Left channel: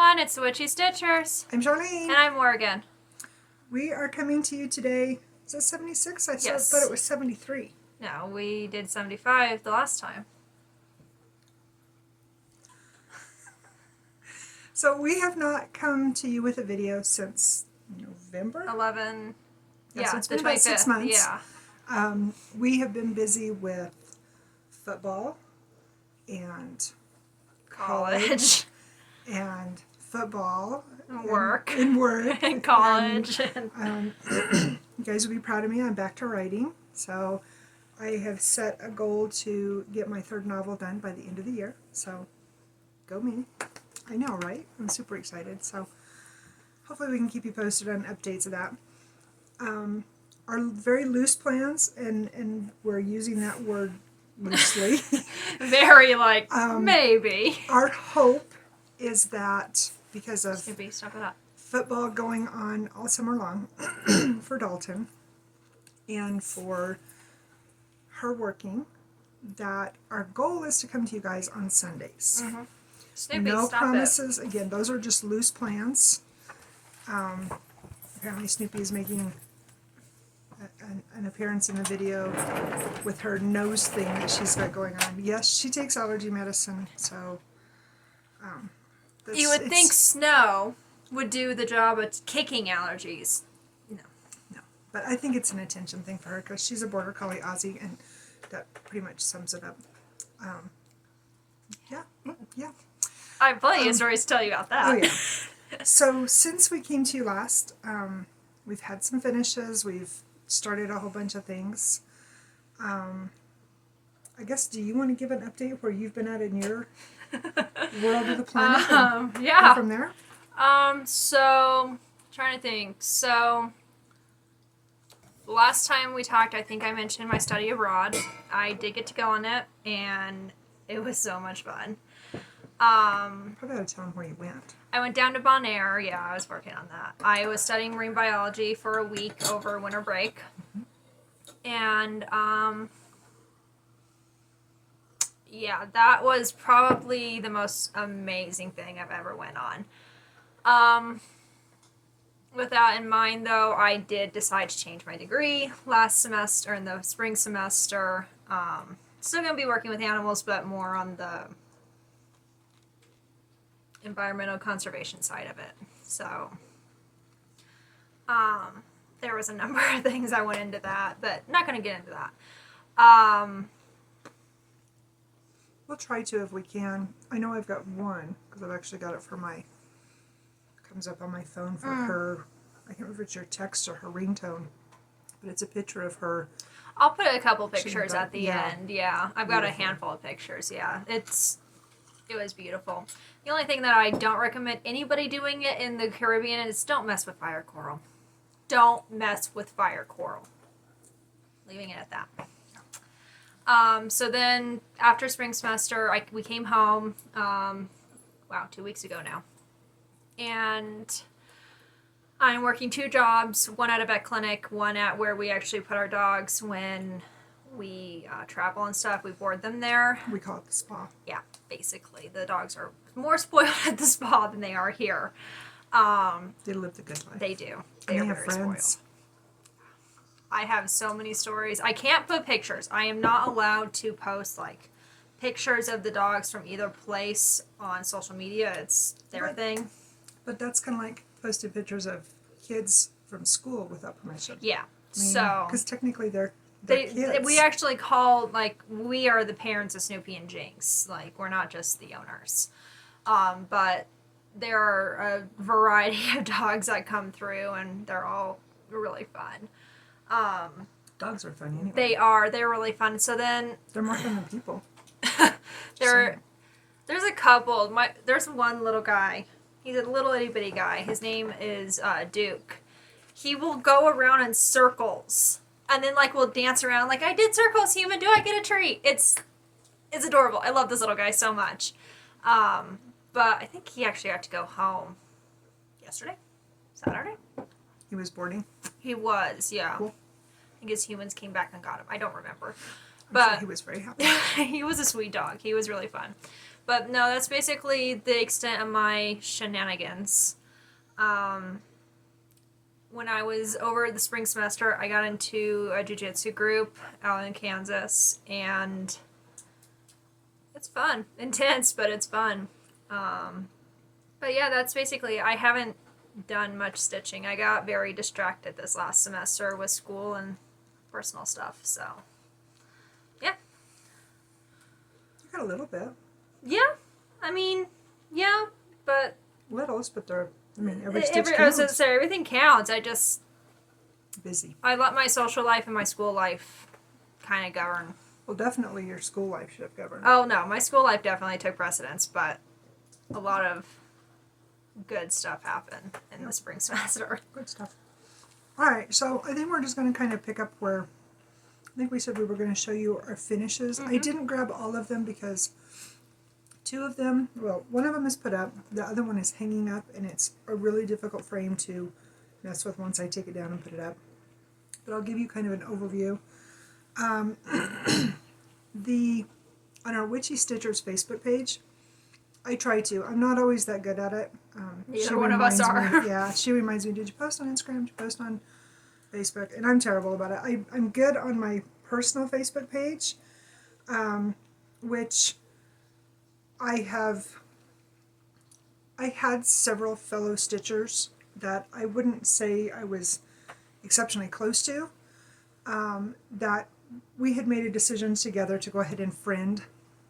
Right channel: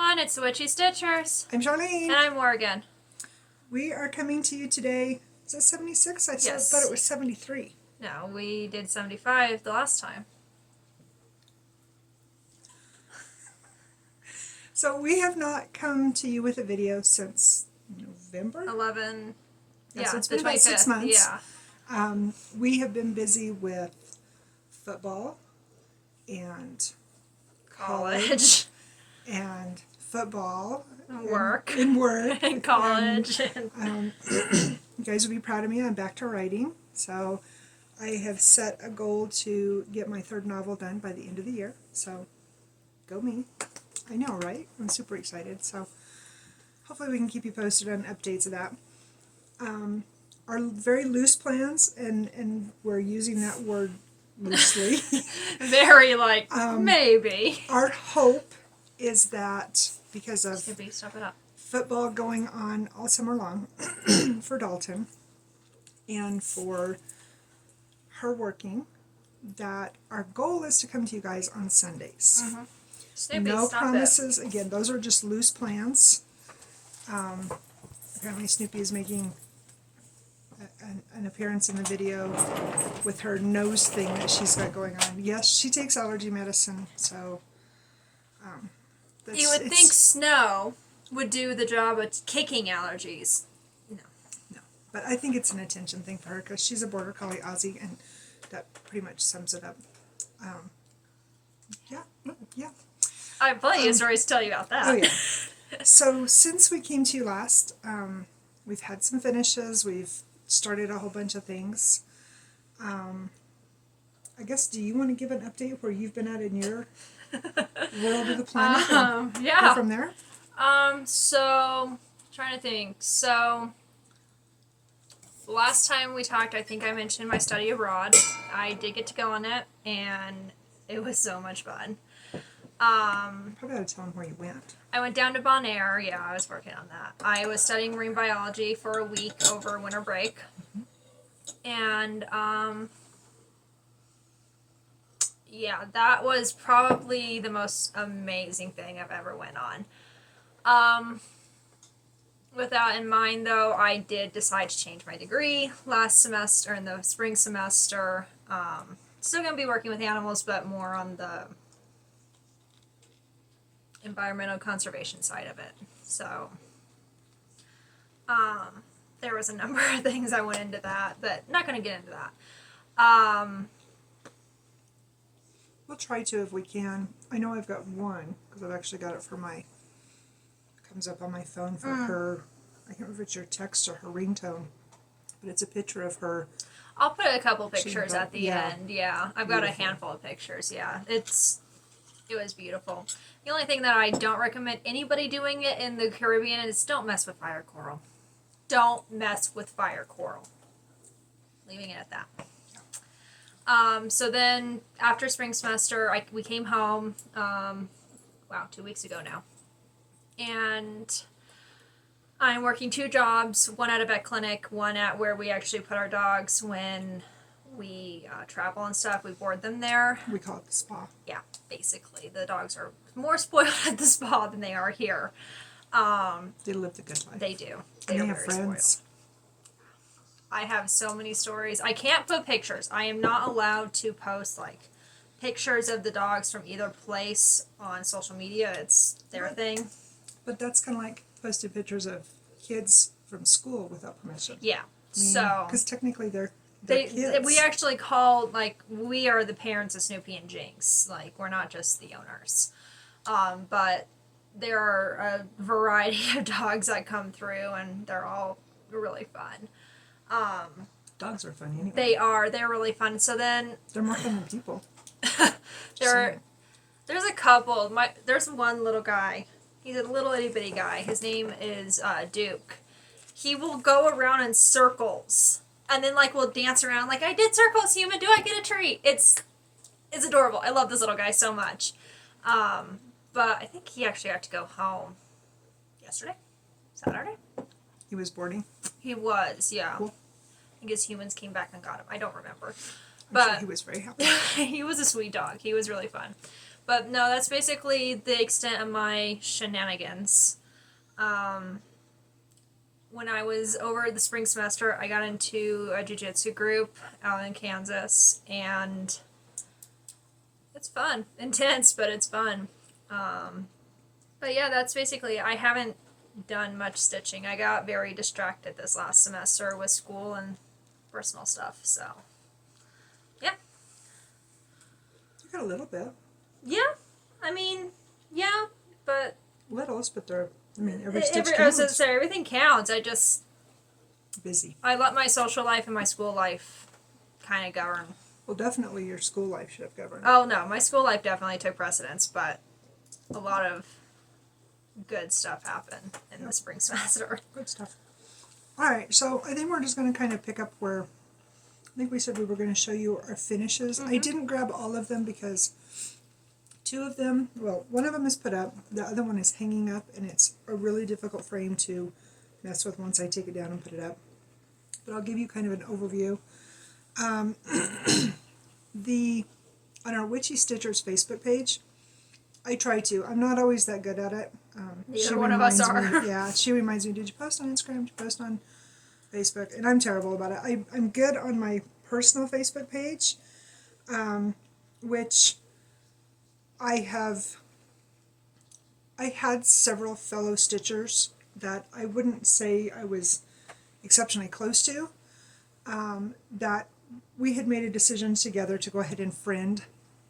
everyone, it's the Witchy Stitchers. I'm Charlene. And I'm Morgan. We are coming to you today. Is that 76? I thought it was 73. No, we did 75 the last time. So we have not come to you with a video since November? 11. So it's been about 6 months. Yeah. We have been busy with football and college and football work and work and college. You guys will be proud of me. I'm back to writing. So I have set a goal to get my third novel done by the end of the year. So go me. I know, right? I'm super excited. So hopefully we can keep you posted on updates of that. Our very loose plans, and we're using that word loosely. Very maybe. Our hope is that because of Stop it up. football going on all summer long for Dalton and for her working, that our goal is to come to you guys on Sundays. Mm-hmm. Snoopy, no stop promises. It. Again, those are just loose plans. Apparently Snoopy is making an appearance in the video with her nose thing that she's got going on. Yes, she takes allergy medicine, so you would think snow would do the job of kicking allergies. No. But I think it's an attention thing for her because she's a border collie Aussie, and that pretty much sums it up. Yeah. I have plenty of stories to tell you about that. Oh, yeah. So since we came to you last, we've had some finishes. We've started a whole bunch of things. I guess, do you want to give an update where you've been at in your world of the planet? Yeah. Go from there? So, trying to think. So, last time we talked, I think I mentioned my study abroad. I did get to go on it, and it was so much fun. Probably ought to tell them where you went. I went down to Bonaire. Yeah, I was working on that. I was studying marine biology for a week over winter break. And, yeah, that was probably the most amazing thing I've ever went on. With that in mind, though, I did decide to change my degree last semester, in the spring semester. Still going to be working with animals, but more on the environmental conservation side of it. So, there was a number of things I went into that, but not going to get into that. We'll try to if we can. I know I've got one, because I've actually got it for my, comes up on my phone for her, I can't remember if it's your text or her ringtone, but it's a picture of her. I'll put a couple pictures at the yeah. end, yeah. I've got a handful of pictures, yeah. It was beautiful. The only thing that I don't recommend anybody doing it in the Caribbean is don't mess with fire coral. Don't mess with fire coral. Leaving it at that. So then, after spring semester, we came home, 2 weeks ago now. And I'm working 2 jobs, one at a vet clinic, one at where we actually put our dogs when we travel and stuff. We board them there. We call it the spa. Yeah, basically. The dogs are more spoiled at the spa than they are here. They live the good life. They do. They are have very friends. spoiled. I have so many stories. I can't put pictures. I am not allowed to post, pictures of the dogs from either place on social media. It's their thing. But that's kind of like posting pictures of kids from school without permission. Yeah. Because technically they're kids. We actually call, we are the parents of Snoopy and Jinx. We're not just the owners. But there are a variety of dogs that come through, and they're all really fun. Dogs are fun anyway. They are. They're really fun. So then... They're more fun than people. There's a couple. There's one little guy. He's a little itty-bitty guy. His name is Duke. He will go around in circles. And then, we'll dance around. I did circles, human. Do I get a treat? It's adorable. I love this little guy so much. But I think he actually had to go home yesterday? Saturday? He was boarding? He was, yeah. Cool. I guess humans came back and got him. I don't remember. I'm sure he was very happy. He was a sweet dog. He was really fun. But no, that's basically the extent of my shenanigans. When I was over the spring semester, I got into a jiu-jitsu group out in Kansas, and it's fun. Intense, but it's fun. But yeah, that's basically, I haven't done much stitching. I got very distracted this last semester with school and personal stuff, so yeah. You got a little bit. Yeah, I mean, yeah, but Littles, but they're, I mean, every stitch I was counts. gonna say, everything counts. Busy. I let my social life and my school life kind of govern. Well, definitely your school life should have governed. Oh no, my school life definitely took precedence, but a lot of good stuff happened in the spring semester. Good stuff. All right, so I think we're just going to kind of pick up where I think we said we were going to show you our finishes. I didn't grab all of them because two of them, well, one of them is put up, the other one is hanging up, and it's a really difficult frame to mess with once I take it down and put it up. But I'll give you kind of an overview. On our Witchy Stitchers Facebook page, I try to. I'm not always that good at it. Neither one of us are. Yeah, she reminds me, did you post on Instagram? Did you post on Facebook? And I'm terrible about it. I'm good on my personal Facebook page, which I had several fellow stitchers that I wouldn't say I was exceptionally close to, that we had made a decision together to go ahead and friend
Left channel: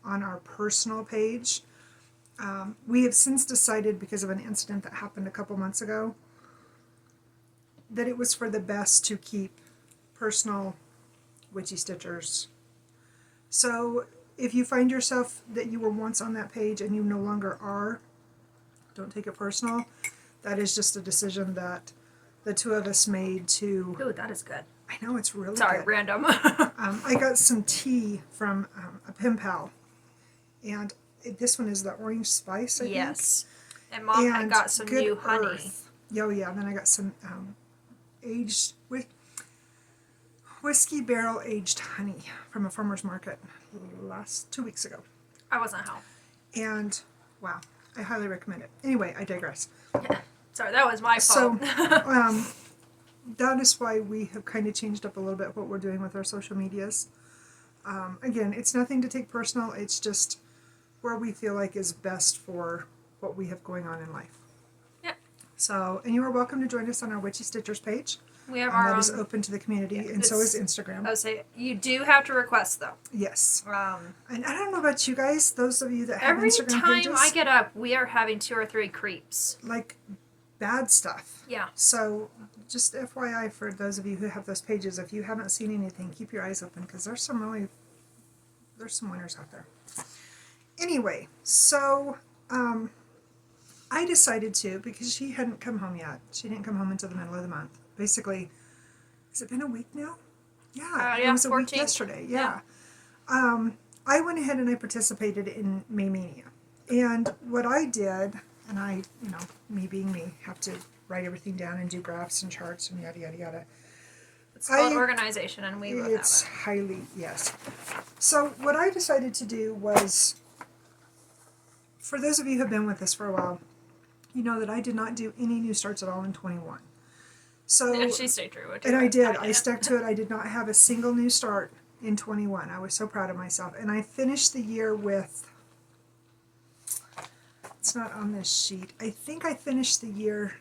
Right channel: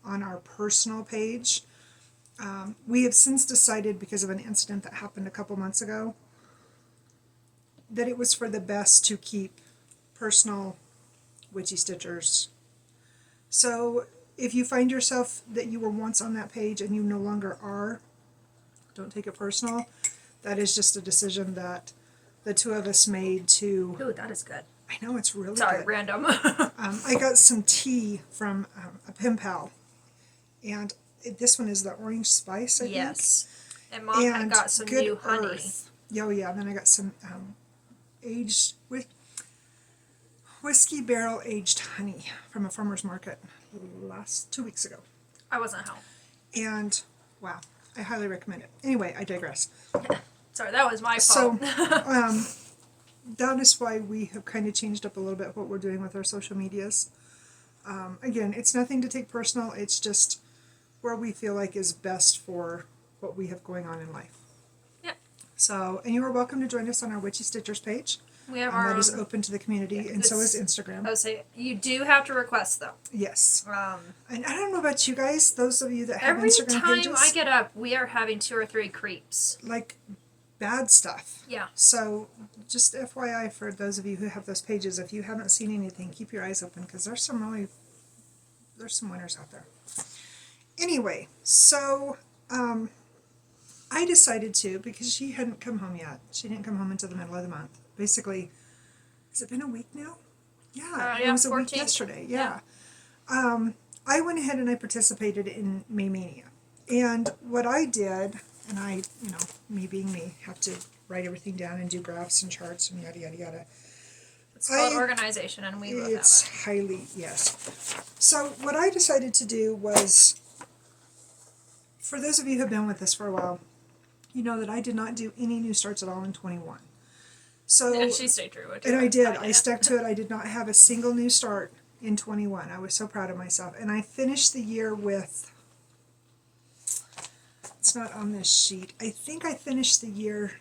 on our personal page. We have since decided, because of an incident that happened a couple months ago, that it was for the best to keep personal Witchy Stitchers. So if you find yourself that you were once on that page and you no longer are, don't take it personal. That is just a decision that the two of us made to... Ooh, that is good. I know, it's really Sorry, good. random. I got some tea from a pen pal, and this one is the orange spice, I think. Yes. And Mom had got some Good new honey. Earth. Oh yeah, and then I got some aged whiskey barrel aged honey from a farmer's market 2 weeks ago. I wasn't home. And wow, I highly recommend it. Anyway, I digress. Sorry, that was my fault. So that is why we have kind of changed up a little bit what we're doing with our social medias. Again, it's nothing to take personal. It's just where we feel like is best for what we have going on in life. Yep. So, and you are welcome to join us on our Witchy Stitchers page. We have that is open to the community, and so is Instagram. I would say you do have to request though. Yes. And I don't know about you guys, those of you that have Instagram pages. Every time I get up, we are having 2 or 3 creeps. Like bad stuff. Yeah. So just FYI for those of you who have those pages, if you haven't seen anything, keep your eyes open because there's some winners out there. Anyway, so I decided to, because she hadn't come home yet. She didn't come home until the middle of the month. Basically, has it been a week now? Yeah, it was 14th. A week yesterday. Yeah. I went ahead and I participated in May Mania. And what I did, and I, me being me, have to write everything down and do graphs and charts and yada, yada, yada. It's called organization, and we both have it. It's highly, yes. So what I decided to do was, for those of you who have been with us for a while, you know that I did not do any new starts at all in 21. So, and she stayed true. And I did. I stuck to it. I did not have a single new start in 21. I was so proud of myself. And I finished the year with, it's not on this sheet, I think I finished the year,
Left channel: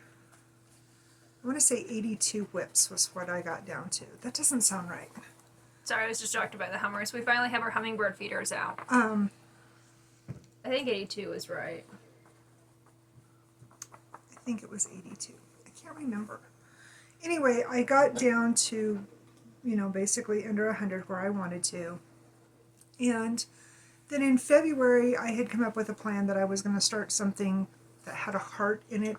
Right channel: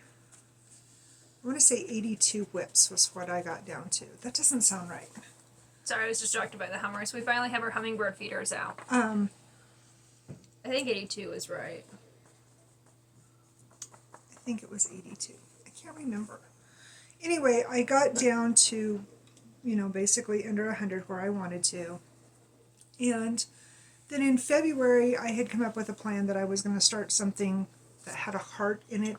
I want to say 82 whips was what I got down to. That doesn't sound right. Sorry, I was distracted by the hummers. We finally have our hummingbird feeders out. I think 82 is right. I think it was 82. I can't remember. Anyway, I got down to, basically under 100 where I wanted to. And then in February, I had come up with a plan that I was going to start something that had a heart in it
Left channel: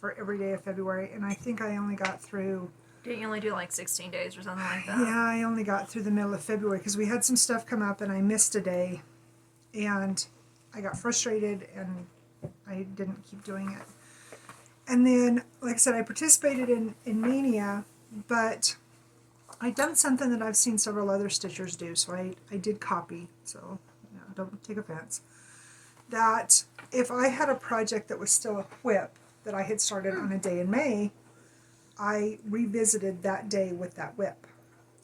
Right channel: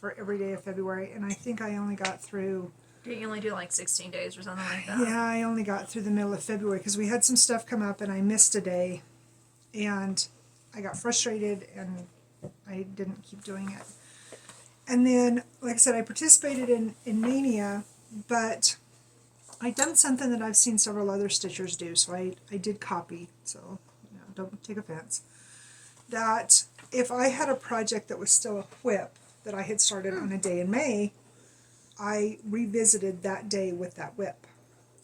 for every day of February. And I think I only got through... Didn't you only do like 16 days or something like that? Yeah, I only got through the middle of February because we had some stuff come up and I missed a day. And I got frustrated and I didn't keep doing it. And then, like I said, I participated in Mania, but I'd done something that I've seen several other stitchers do, so I did copy, so don't take offense. that if I had a project that was still a whip that I had started on a day in May, I revisited that day with that whip.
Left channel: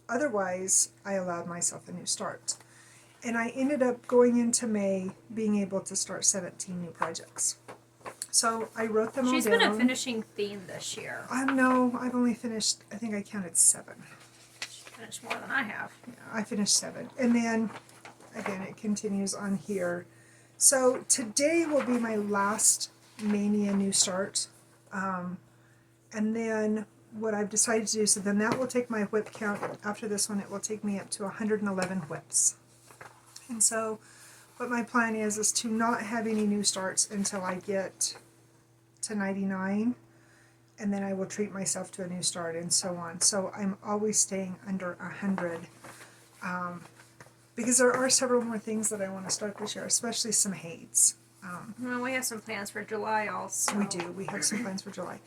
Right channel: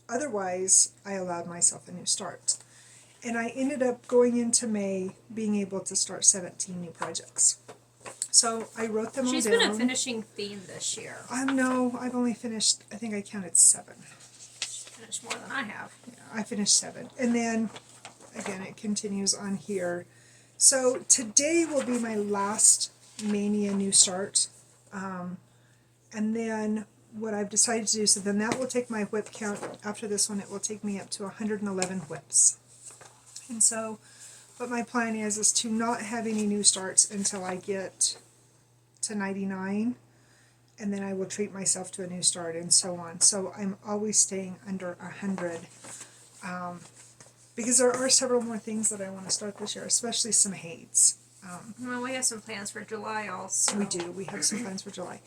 Otherwise, I allowed myself a new start. And I ended up going into May being able to start 17 new projects. So I wrote them all down. She's been a finishing theme this year. No, I've only finished, I think I counted 7. She finished more than I have. Yeah, I finished 7. And then, again, it continues on here. So today will be my last Mania new start. And then what I've decided to do, so then that will take my whip count. After this one, it will take me up to 111 whips. And so what my plan is to not have any new starts until I get to 99. And then I will treat myself to a new start and so on. So I'm always staying under 100. Because there are several more things that I want to start this year, especially some haids. Well, we have some plans for July also. We do. We have some plans for July.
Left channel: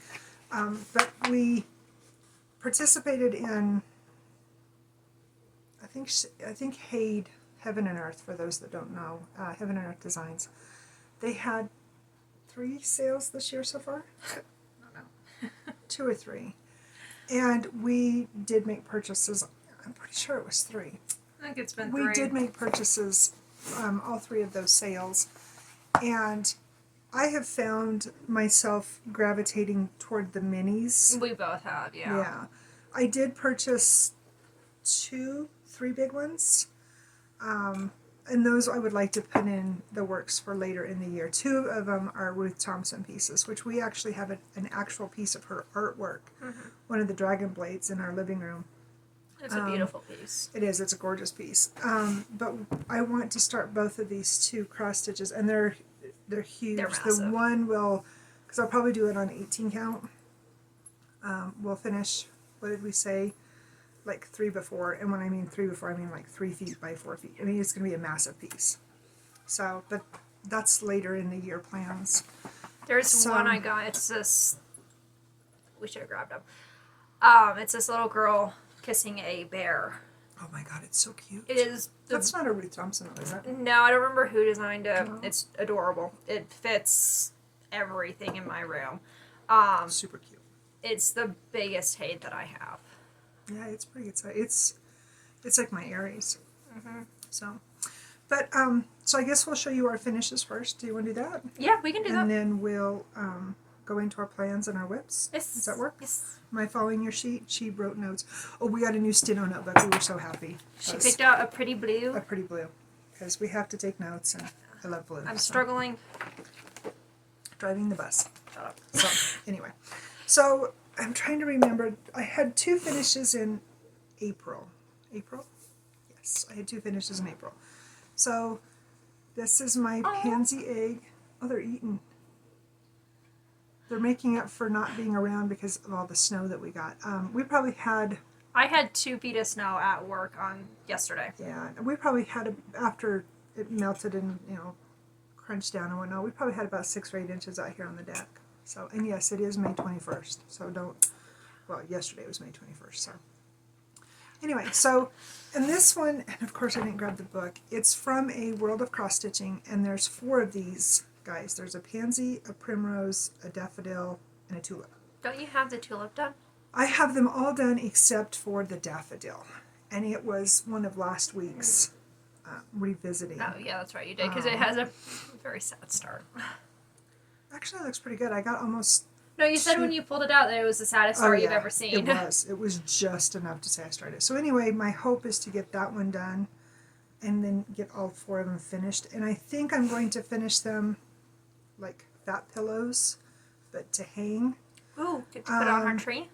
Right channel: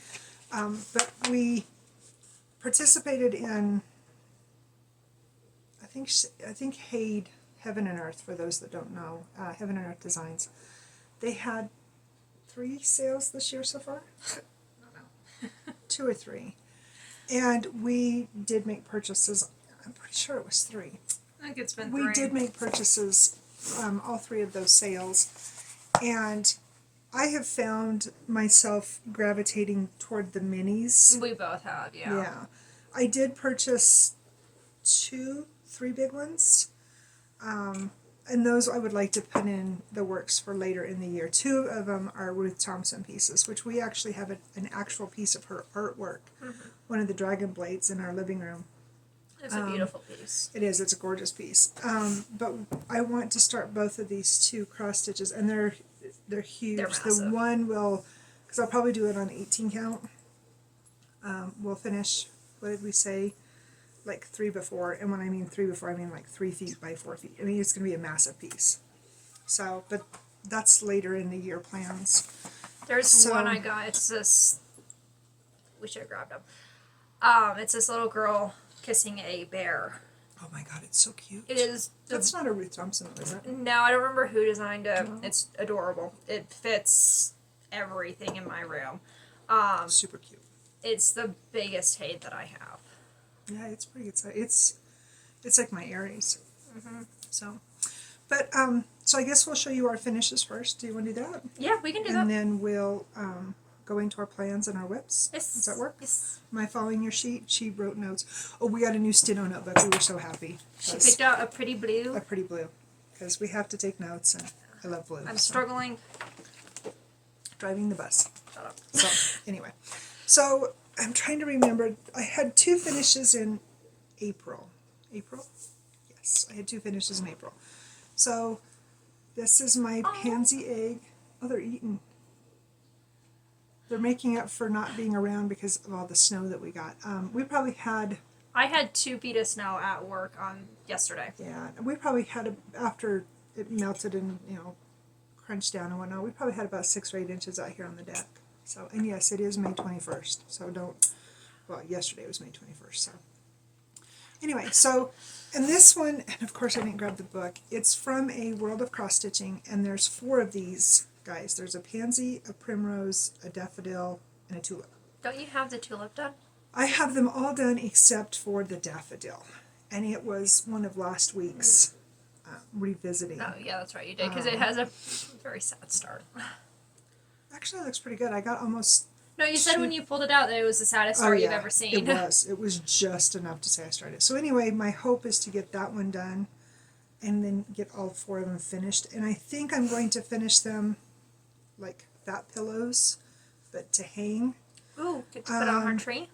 But we participated in, I think Haid, Heaven and Earth, for those that don't know, Heaven and Earth Designs. They had 3 sales this year so far? I don't know. 2 or 3. And we did make purchases. I'm pretty sure it was 3. I think it's been 3. We did make purchases, all 3 of those sales. And I have found myself gravitating toward the minis. We both have, yeah. Yeah. I did purchase 2, 3 big ones. And those I would like to put in the works for later in the year. 2 of them are Ruth Thompson pieces, which we actually have an actual piece of her artwork. Mm-hmm. One of the dragon blades in our living room. It's a beautiful piece. It is. It's a gorgeous piece. But I want to start both of these 2 cross stitches, and they're huge. They're massive. The one will, because I'll probably do it on 18 count. We'll finish, what did we say, like 3 before, and when I mean 3 before, I mean like 3 feet by 4 feet. I mean, it's going to be a massive piece. So, but that's later in the year plans. There's one I got. It's this. We should have grabbed them. It's this little girl kissing a bear. Oh my god, it's so cute. It is. That's not a Ruth Thompson, is it? No, I don't remember who designed it. No. It's adorable. It fits everything in my room. Super cute. It's the biggest hate that I have. Yeah, it's pretty good. It's like my Aries. Mm-hmm. So, but so I guess we'll show you our finishes first. Do you want to do that? Yeah, we can do that. And then we'll go into our plans and our whips. Yes. Does that work? Yes. Am I following your sheet? She wrote notes. Oh, we got a new steno notebook. We were so happy. She picked out a pretty blue. A pretty blue, because we have to take notes, and I love blue. I'm struggling. Driving the bus. Shut up. So anyway, so I'm trying to remember. I had 2 finishes in April. April? Yes, I had 2 finishes in April. So this is my pansy egg. Oh, they're eating. They're making up for not being around because of all the snow that we got. We probably had... I had 2 feet of snow at work on yesterday. Yeah, we probably had, after it melted and, crunched down and whatnot, we probably had about 6 or 8 inches out here on the deck. So, and yes, it is May 21st. So yesterday was May 21st. So, anyway, so, and this one, and of course I didn't grab the book, it's from A World of Cross Stitching, and there's 4 of these guys. There's a pansy, a primrose, a daffodil, and a tulip. Don't you have the tulip done? I have them all done except for the daffodil, and it was one of last week's revisiting. Oh, yeah, that's right, you did, because it has a very sad start. Actually, it looks pretty good. I got almost... No, you said when you pulled it out that it was the saddest start you've ever seen. It was. It was just enough to say I started. So anyway, my hope is to get that one done, and then get all 4 of them finished. And I think I'm going to finish them like fat pillows, but to hang. Ooh, could you put on our tree?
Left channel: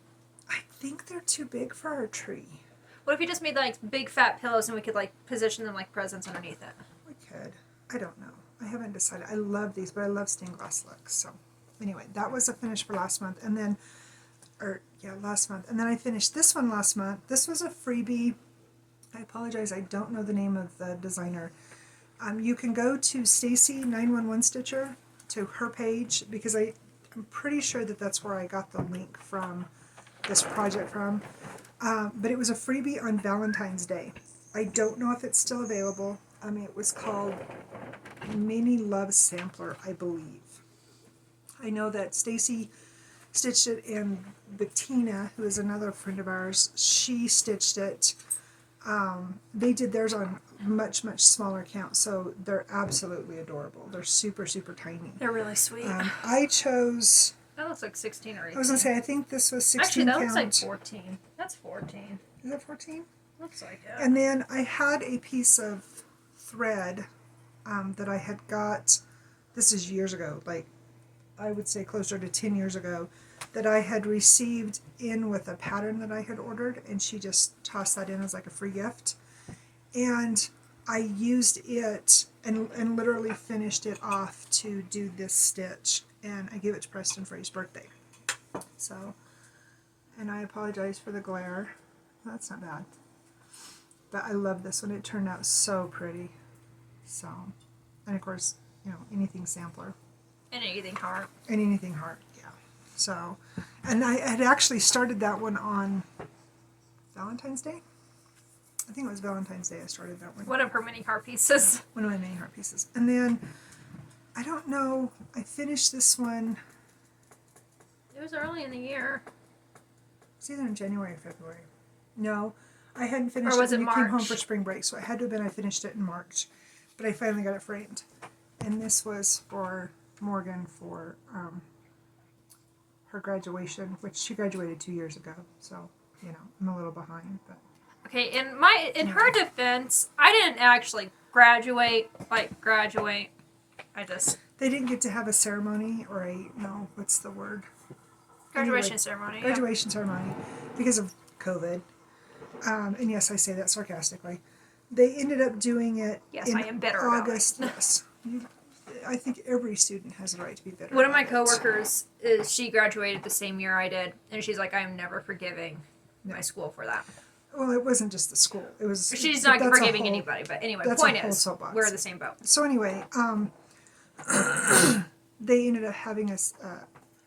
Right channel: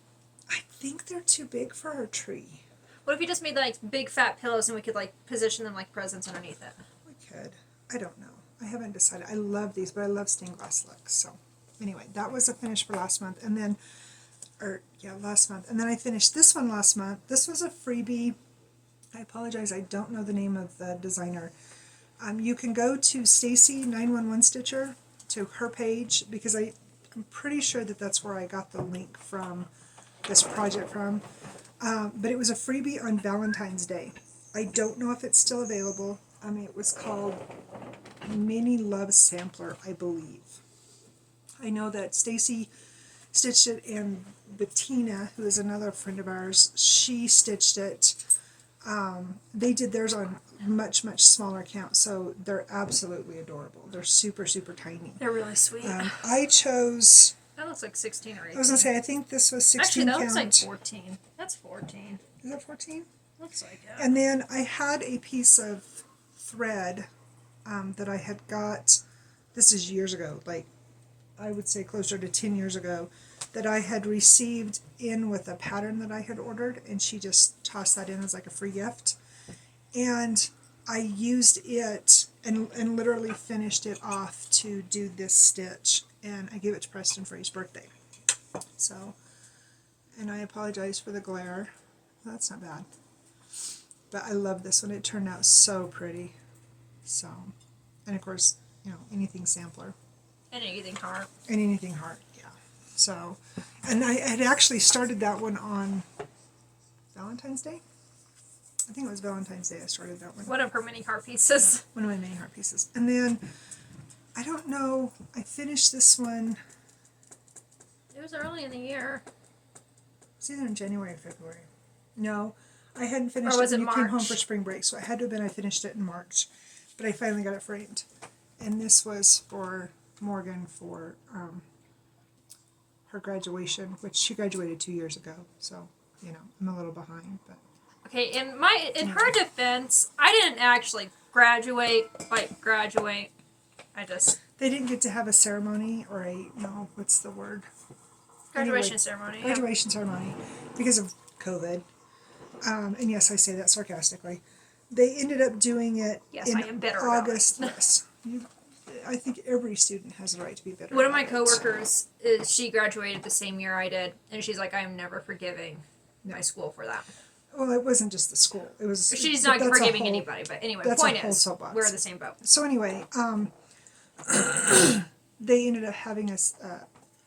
I think they're too big for our tree. What if you just made like big fat pillows and we could like position them like presents underneath it? We could. I don't know. I haven't decided. I love these, but I love stained glass looks. So anyway, that was a finish for last month, and then, last month, and then I finished this one last month. This was a freebie. I apologize. I don't know the name of the designer. You can go to Stacy 911 Stitcher, to her page, because I'm pretty sure that that's where I got the link from this project from. But it was a freebie on Valentine's Day. I don't know if it's still available. It was called Mini Love sampler, I believe. I know that Stacy stitched it, and Bettina, who is another friend of ours, she stitched it. They did theirs on much, much smaller count, so they're absolutely adorable. They're super, super tiny. They're really sweet. I chose... That looks like 16 or 18. I was going to say, I think this was 16 Actually, that count. looks like 14. That's 14. Is that 14? Looks like it. And then I had a piece of thread that I had got, this is years ago, like I would say closer to 10 years ago, that I had received in with a pattern that I had ordered, and she just tossed that in as like a free gift. And I used it and literally finished it off to do this stitch, and I gave it to Preston for his birthday. So, and I apologize for the glare. That's not bad. But I love this one. It turned out so pretty. So, and of course, you know, anything sampler. And anything heart. And anything heart, yeah. So, and I had actually started that one on Valentine's Day. I think it was Valentine's Day I started that one. One of her mini heart pieces. One of my mini heart pieces. And then, I don't know, I finished this one. It was early in the year. It's either in January or February. No, I hadn't finished Or was it when it you came home March? for spring break, so it had to have been I finished it in March. But I finally got it framed. And this was for Morgan for her graduation, which she graduated 2 years ago. So, you know, I'm a little behind. But Okay, in her defense, I didn't actually graduate. I just they didn't get to have a ceremony or a, no, what's the word? graduation Anyway, ceremony. Yeah. Graduation ceremony because of COVID. And yes, I say that sarcastically. They ended up doing it Yes, in I am bitter about August. it. Yes. I think every student has a right to be bitter. One of my about it. coworkers is she graduated the same year I did, and she's like, I'm never forgiving my school for that. Well, it wasn't just the school. It was. She's but not that's a forgiving whole- anybody, but anyway, that's point a whole is, soapbox. we're in the same boat. So anyway, they ended up having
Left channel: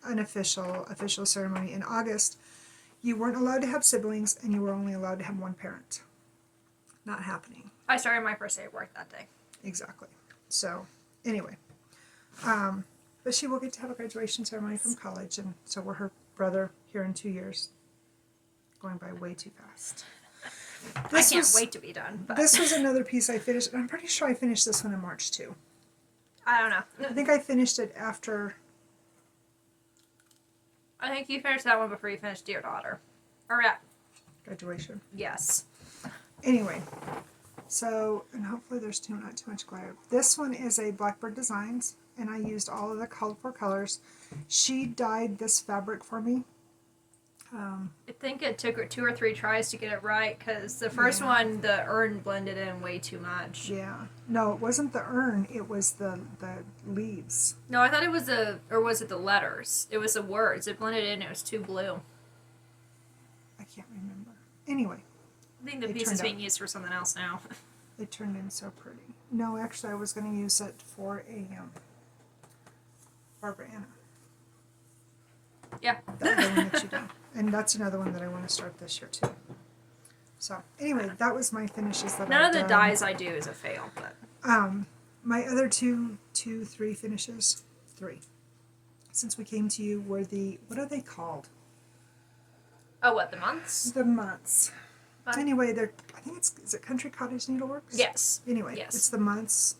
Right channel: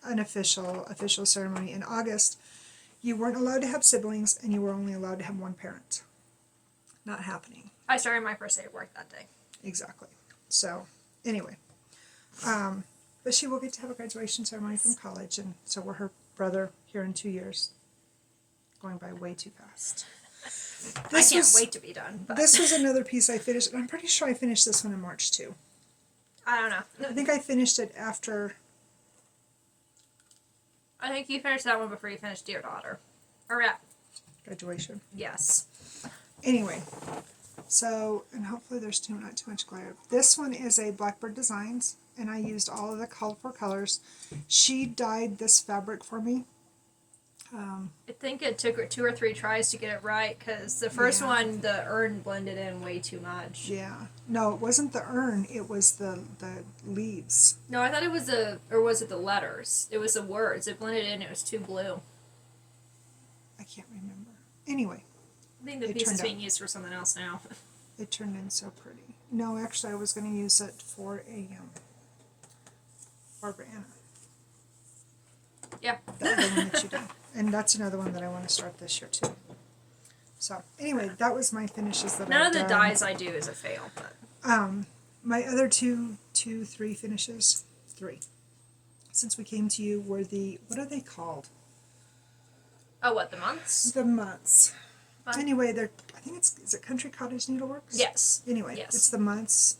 an official ceremony in August. You weren't allowed to have siblings, and you were only allowed to have one parent. Not happening. I started my first day of work that day. Exactly. So anyway, but she will get to have a graduation ceremony from college, and so will her brother here in 2 years. Going by way too fast. I can't wait to be done. But This was another piece I finished. I'm pretty sure I finished this one in March too. I don't know. I think I finished it after. I think you finished that one before you finished Dear Daughter. Or yeah, Graduation. yes. Anyway, so, and hopefully there's not too much glare. This one is a Blackbird Designs, and I used all of the colorful colors. She dyed this fabric for me. I think it took her 2 or 3 tries to get it right, because the first Yeah. one, the urn blended in way too much. Yeah. No, it wasn't the urn, it was the leaves. No, I thought it was or was it the letters? It was the words. It blended in, it was too blue. I can't remember. Anyway, I think the It piece turned is out- being used for something else now. it turned in so pretty. No, actually, I was going to use it for a Barbara Anna. Yeah. The other one that you did. And that's another one that I want to start this year too. So anyway, that was my finishes that None I've of the done. dyes I do is a fail, but My other three finishes, since we came to you, were what are they called? oh, what, the months? The months. Fun. Anyway, I think is it Country Cottage Needleworks? Yes. Anyway, Yes. it's the months.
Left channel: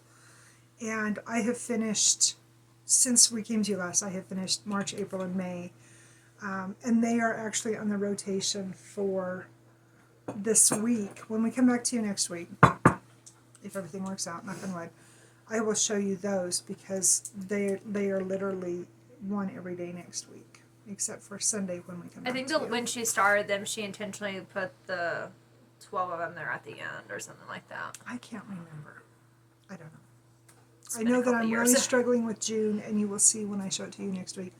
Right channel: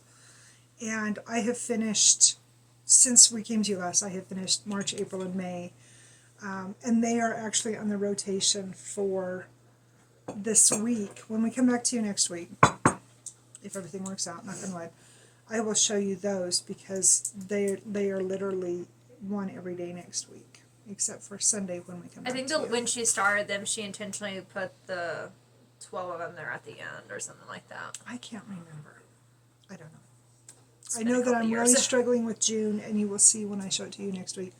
And I have finished, since we came to you last, I have finished March, April, and May. And they are actually on the rotation for this week. When we come back to you next week, if everything works out, knock on wood, I will show you those because they are literally one every day next week, except for Sunday when we come I back think to you. when she started them, she intentionally put the 12 of them there at the end or something like that. I can't remember. I don't know. It's I been a know that couple I'm years. really struggling with June, and you will see when I show it to you next week.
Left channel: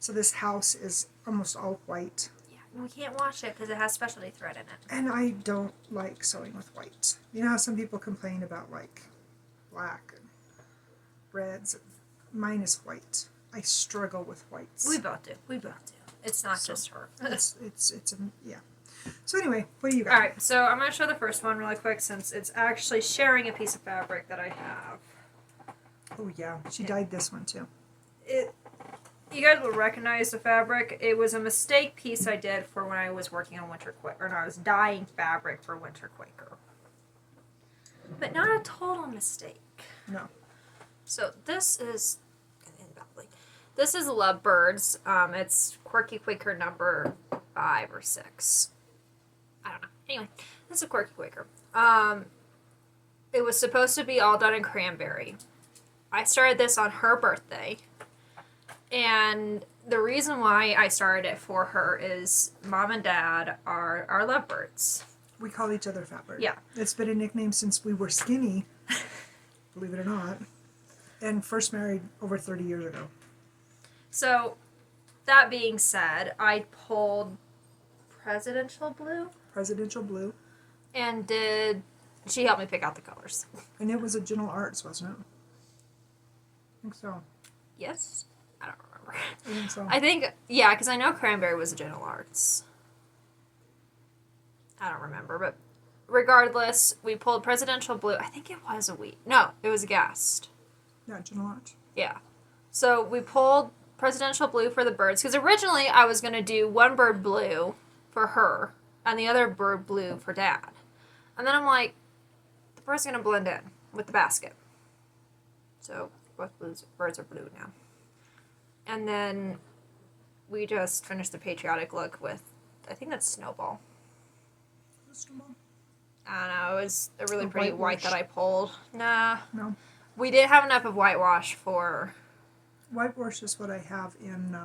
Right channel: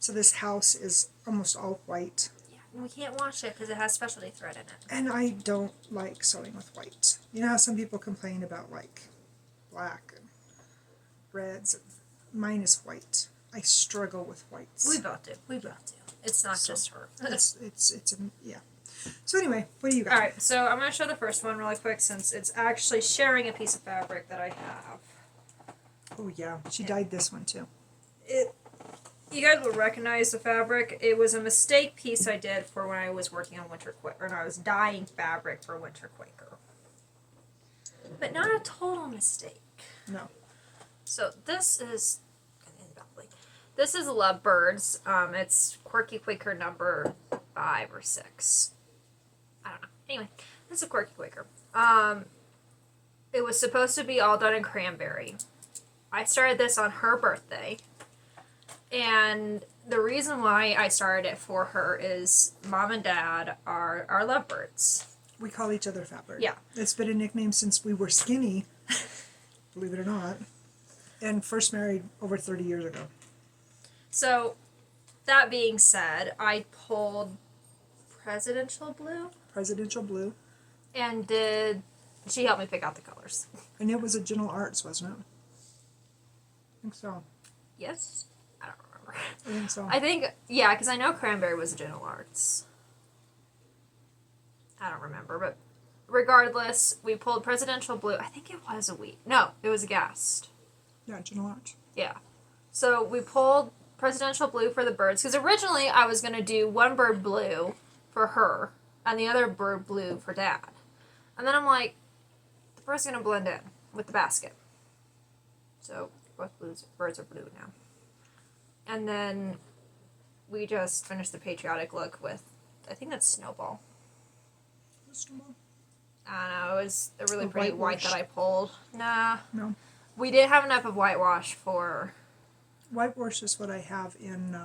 So this house is almost all white, Yeah, we can't wash it because it has specialty thread in it. and I don't like sewing with white. You know how some people complain about like black and reds? Mine is white. I struggle with whites. We both do. It's not So, just her. Yeah. So anyway, what do you got? Alright, so I'm going to show the first one really quick since it's actually sharing a piece of fabric that I have. Oh yeah, she dyed this one too. You guys will recognize the fabric. It was a mistake piece I did for when I was working on Winter Quaker, and I was dyeing fabric for Winter Quaker. But not a total mistake. No. So this is Lovebirds. It's Quirky Quaker number 5 or 6. I don't know. Anyway, this is a Quirky Quaker. It was supposed to be all done in cranberry. I started this on her birthday. And the reason why I started it for her is Mom and Dad are our lovebirds. We call each other Fatbird. Yeah. It's been a nickname since we were skinny, believe it or not, and first married over 30 years ago. So, that being said, I pulled Presidential Blue. Presidential Blue. And she helped me pick out the colors. And it was a Gentle Arts, wasn't it? I think so. Yes? I don't remember. I think so. I think, yeah, because I know Cranberry was a Gentle Arts. I don't remember, but regardless, we pulled Presidential Blue. I think it was a wheat. No, it was a Gast. Yeah, Gentle Arts. Yeah. So we pulled Presidential Blue for the birds, because originally I was going to do one bird blue for her, and the other bird blue for Dad. And then I'm like, the bird's going to blend in with the basket. So both birds are blue now. And then we just finished the patriotic look with, I think that's Snowball. I don't know, it was a really pretty white that I pulled. Nah. No. We didn't have enough of whitewash for... Whitewash is what I have in,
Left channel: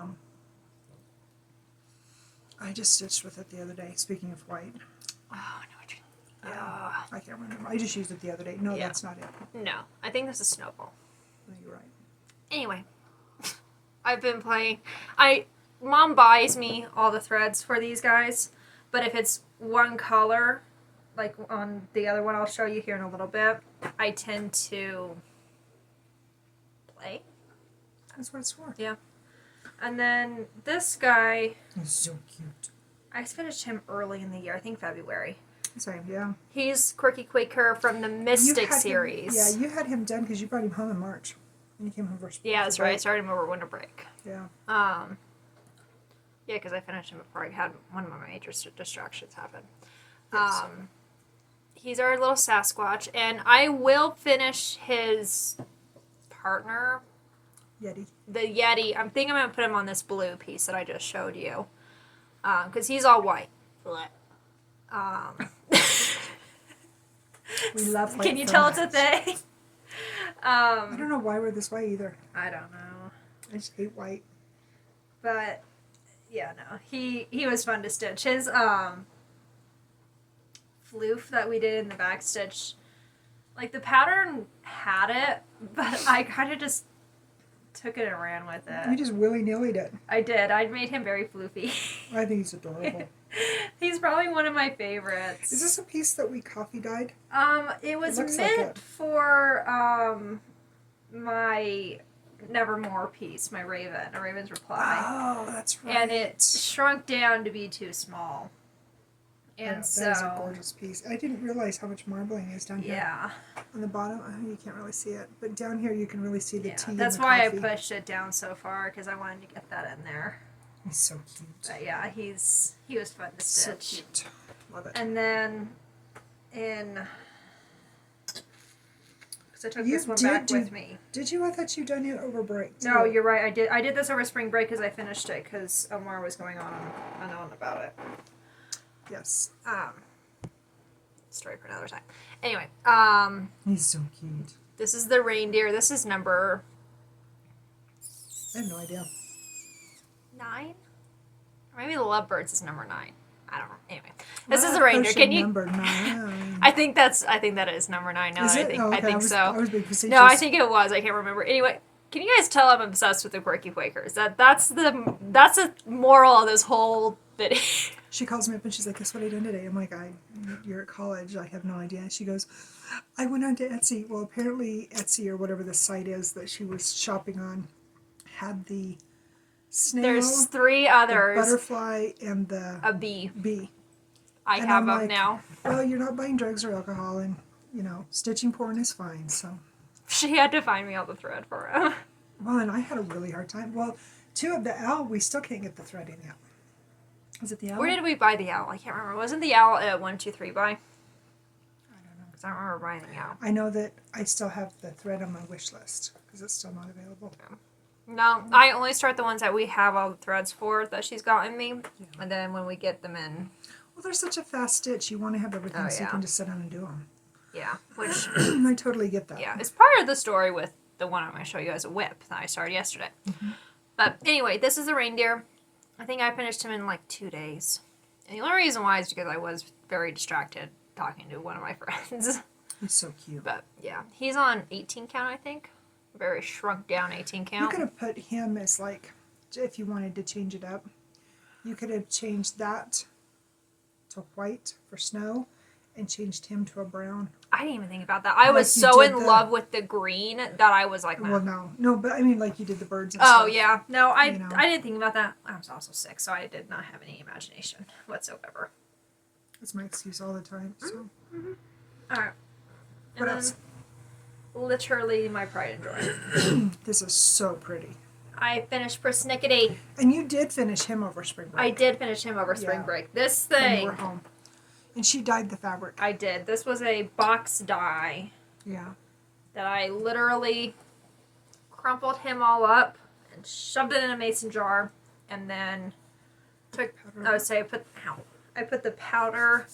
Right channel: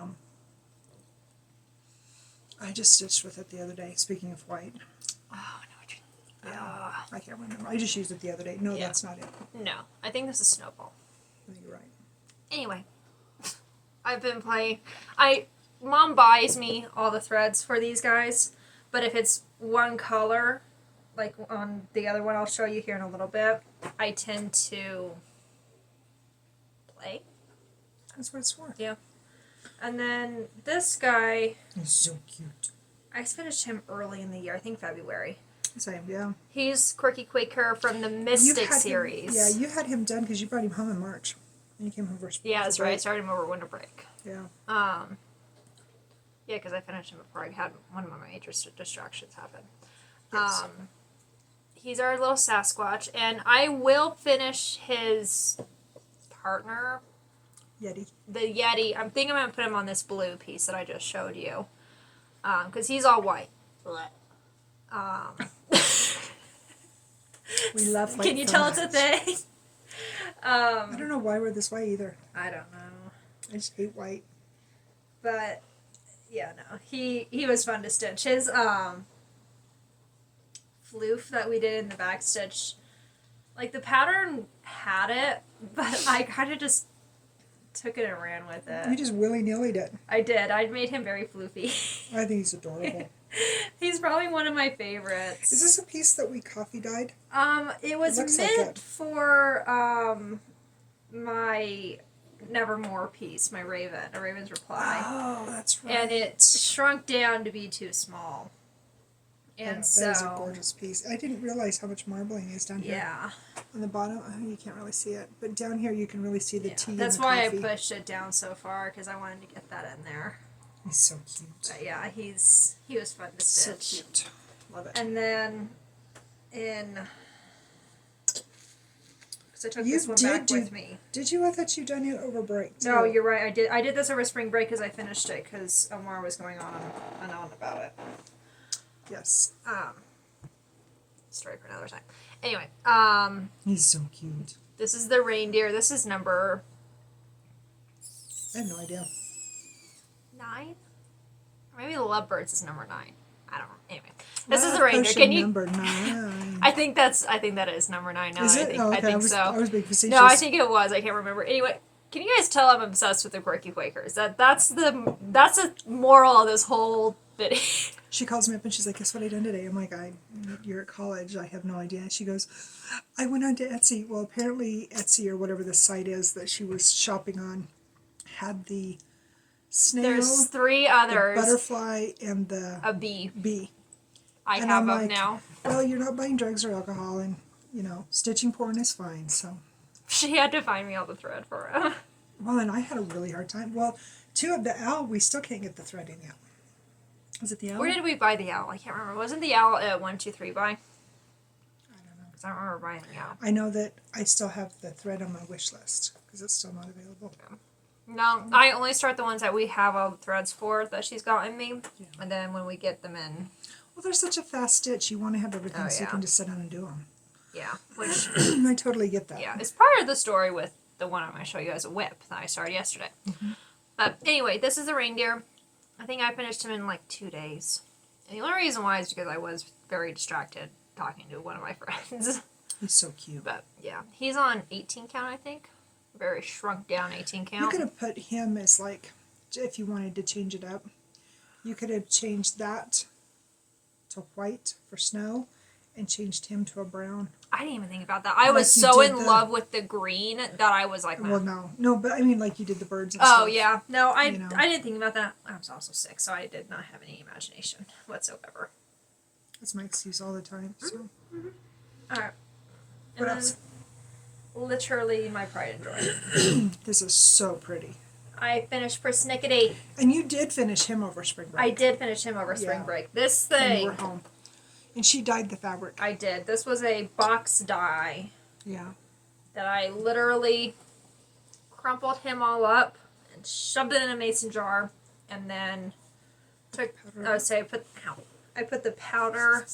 I just stitched with it the other day, speaking of white. Oh, I know what you... Yeah, I can't remember. I just used it the other day. No, Yeah. That's not it. No, I think this is Snowball. No, you're right. Anyway, I've been playing... Mom buys me all the threads for these guys, but if it's one color, like on the other one I'll show you here in a little bit, I tend to play. That's what it's for. Yeah. And then this guy, He's so cute. I finished him early in the year, I think February. Same, yeah. He's Quirky Quaker from the Mystic series. Yeah, you had him done because you brought him home in March. And you came home first. Yeah, that's right. I started him over winter break. Yeah. Yeah, because I finished him before I had one of my major distractions happen. Yes. He's our little Sasquatch, and I will finish his partner, Yeti. the Yeti. I'm thinking I'm going to put him on this blue piece that I just showed you, because he's all white. We love white. Can you tell it's a thing? I don't know why we're this way either. I don't know. I just hate white. But yeah, no. He was fun to stitch. His floof that we did in the back stitch, like the pattern had it, but I kind of just took it and ran with it. You just willy-nilly'd it. I did. I made him very floofy. I think he's adorable. He's probably one of my favorites. Is this a piece that we coffee dyed? It was It looks meant like it. for my Nevermore piece, my Raven, a Raven's Reply. Oh, that's right. And it shrunk down to be too small. And Yeah, so... that is a gorgeous piece. I didn't realize how much marbling is down here. Yeah. On the bottom, you can't really see it. But down here you can really see the tea That's and the why coffee. I pushed it down so far, because I wanted to get that in there. He's so cute. But yeah, he was fun to So stitch. cute. Love it. And then because I took You this one did back do- with me. Did you? I thought you'd done it over break. No, too. you're right. I did this over spring break because I finished it because more was going on unknown about it. Yes. Story for another time. Anyway, He's so cute. this is the reindeer. This is number I have no idea. 9? Or maybe the Lovebirds is number 9. I don't know. Anyway, this is Love the reindeer. potion Can you? Number 9. I think that is number 9 now. Is it? I Okay, think so. I was being facetious. No, I think it was. I can't remember. Anyway, can you guys tell I'm obsessed with the Quirky Quakers? That's the moral of this whole video. She calls me up and she's like, guess what I done today? I'm like, you're at college. I have no idea. And she goes, I went on to Etsy. Well, apparently Etsy or whatever the site is that she was shopping on had the snail, There's 3 the others. butterfly, and the A bee. bee. I And have I'm them like, now. Well, you're not buying drugs or alcohol, and, stitching porn is fine, so. She had to find me all the thread for it. Well, and I had a really hard time. Well, 2 of the owl, we still can't get the thread in yet. Was it the owl? Where did we buy the owl? I can't remember. Wasn't the owl at 123 buy? I don't know. Because I don't remember buying the owl. I know that I still have the thread on my wish list because it's still not available. No, I only start the ones that we have all the threads for that she's gotten me. Yeah. And then when we get them in. Well, they're such a fast stitch. You want to have everything so you yeah. can just sit down and do them. Yeah. Which, I totally get that. yeah. It's part of the story with the one I'm going to show you as a whip that I started yesterday. Mm-hmm. But anyway, this is the reindeer. I think I finished him in like 2 days. And the only reason why is because I was very distracted talking to one of my friends. He's so cute. But yeah, he's on 18 count, I think. Very shrunk down 18 count. You could have put him as like, if you wanted to change it up, you could have changed that to white for snow and changed him to a brown. I didn't even think about that. I was so in love with the green that I was like, well, no, but I mean, like you did the birds and stuff. Oh, yeah. No, I didn't think about that. I was also sick, so I did not have any imagination whatsoever. That's my excuse all the time. So. Mm-hmm. All right. What else? Literally my pride and joy. This is so pretty. I finished Persnickety. And you did finish him over spring break. I did finish him over spring break. This thing. And you were home. And she dyed the fabric. I did. This was a box dye. Yeah. That I literally crumpled him all up and shoved it in a mason jar, and then took. I put the powder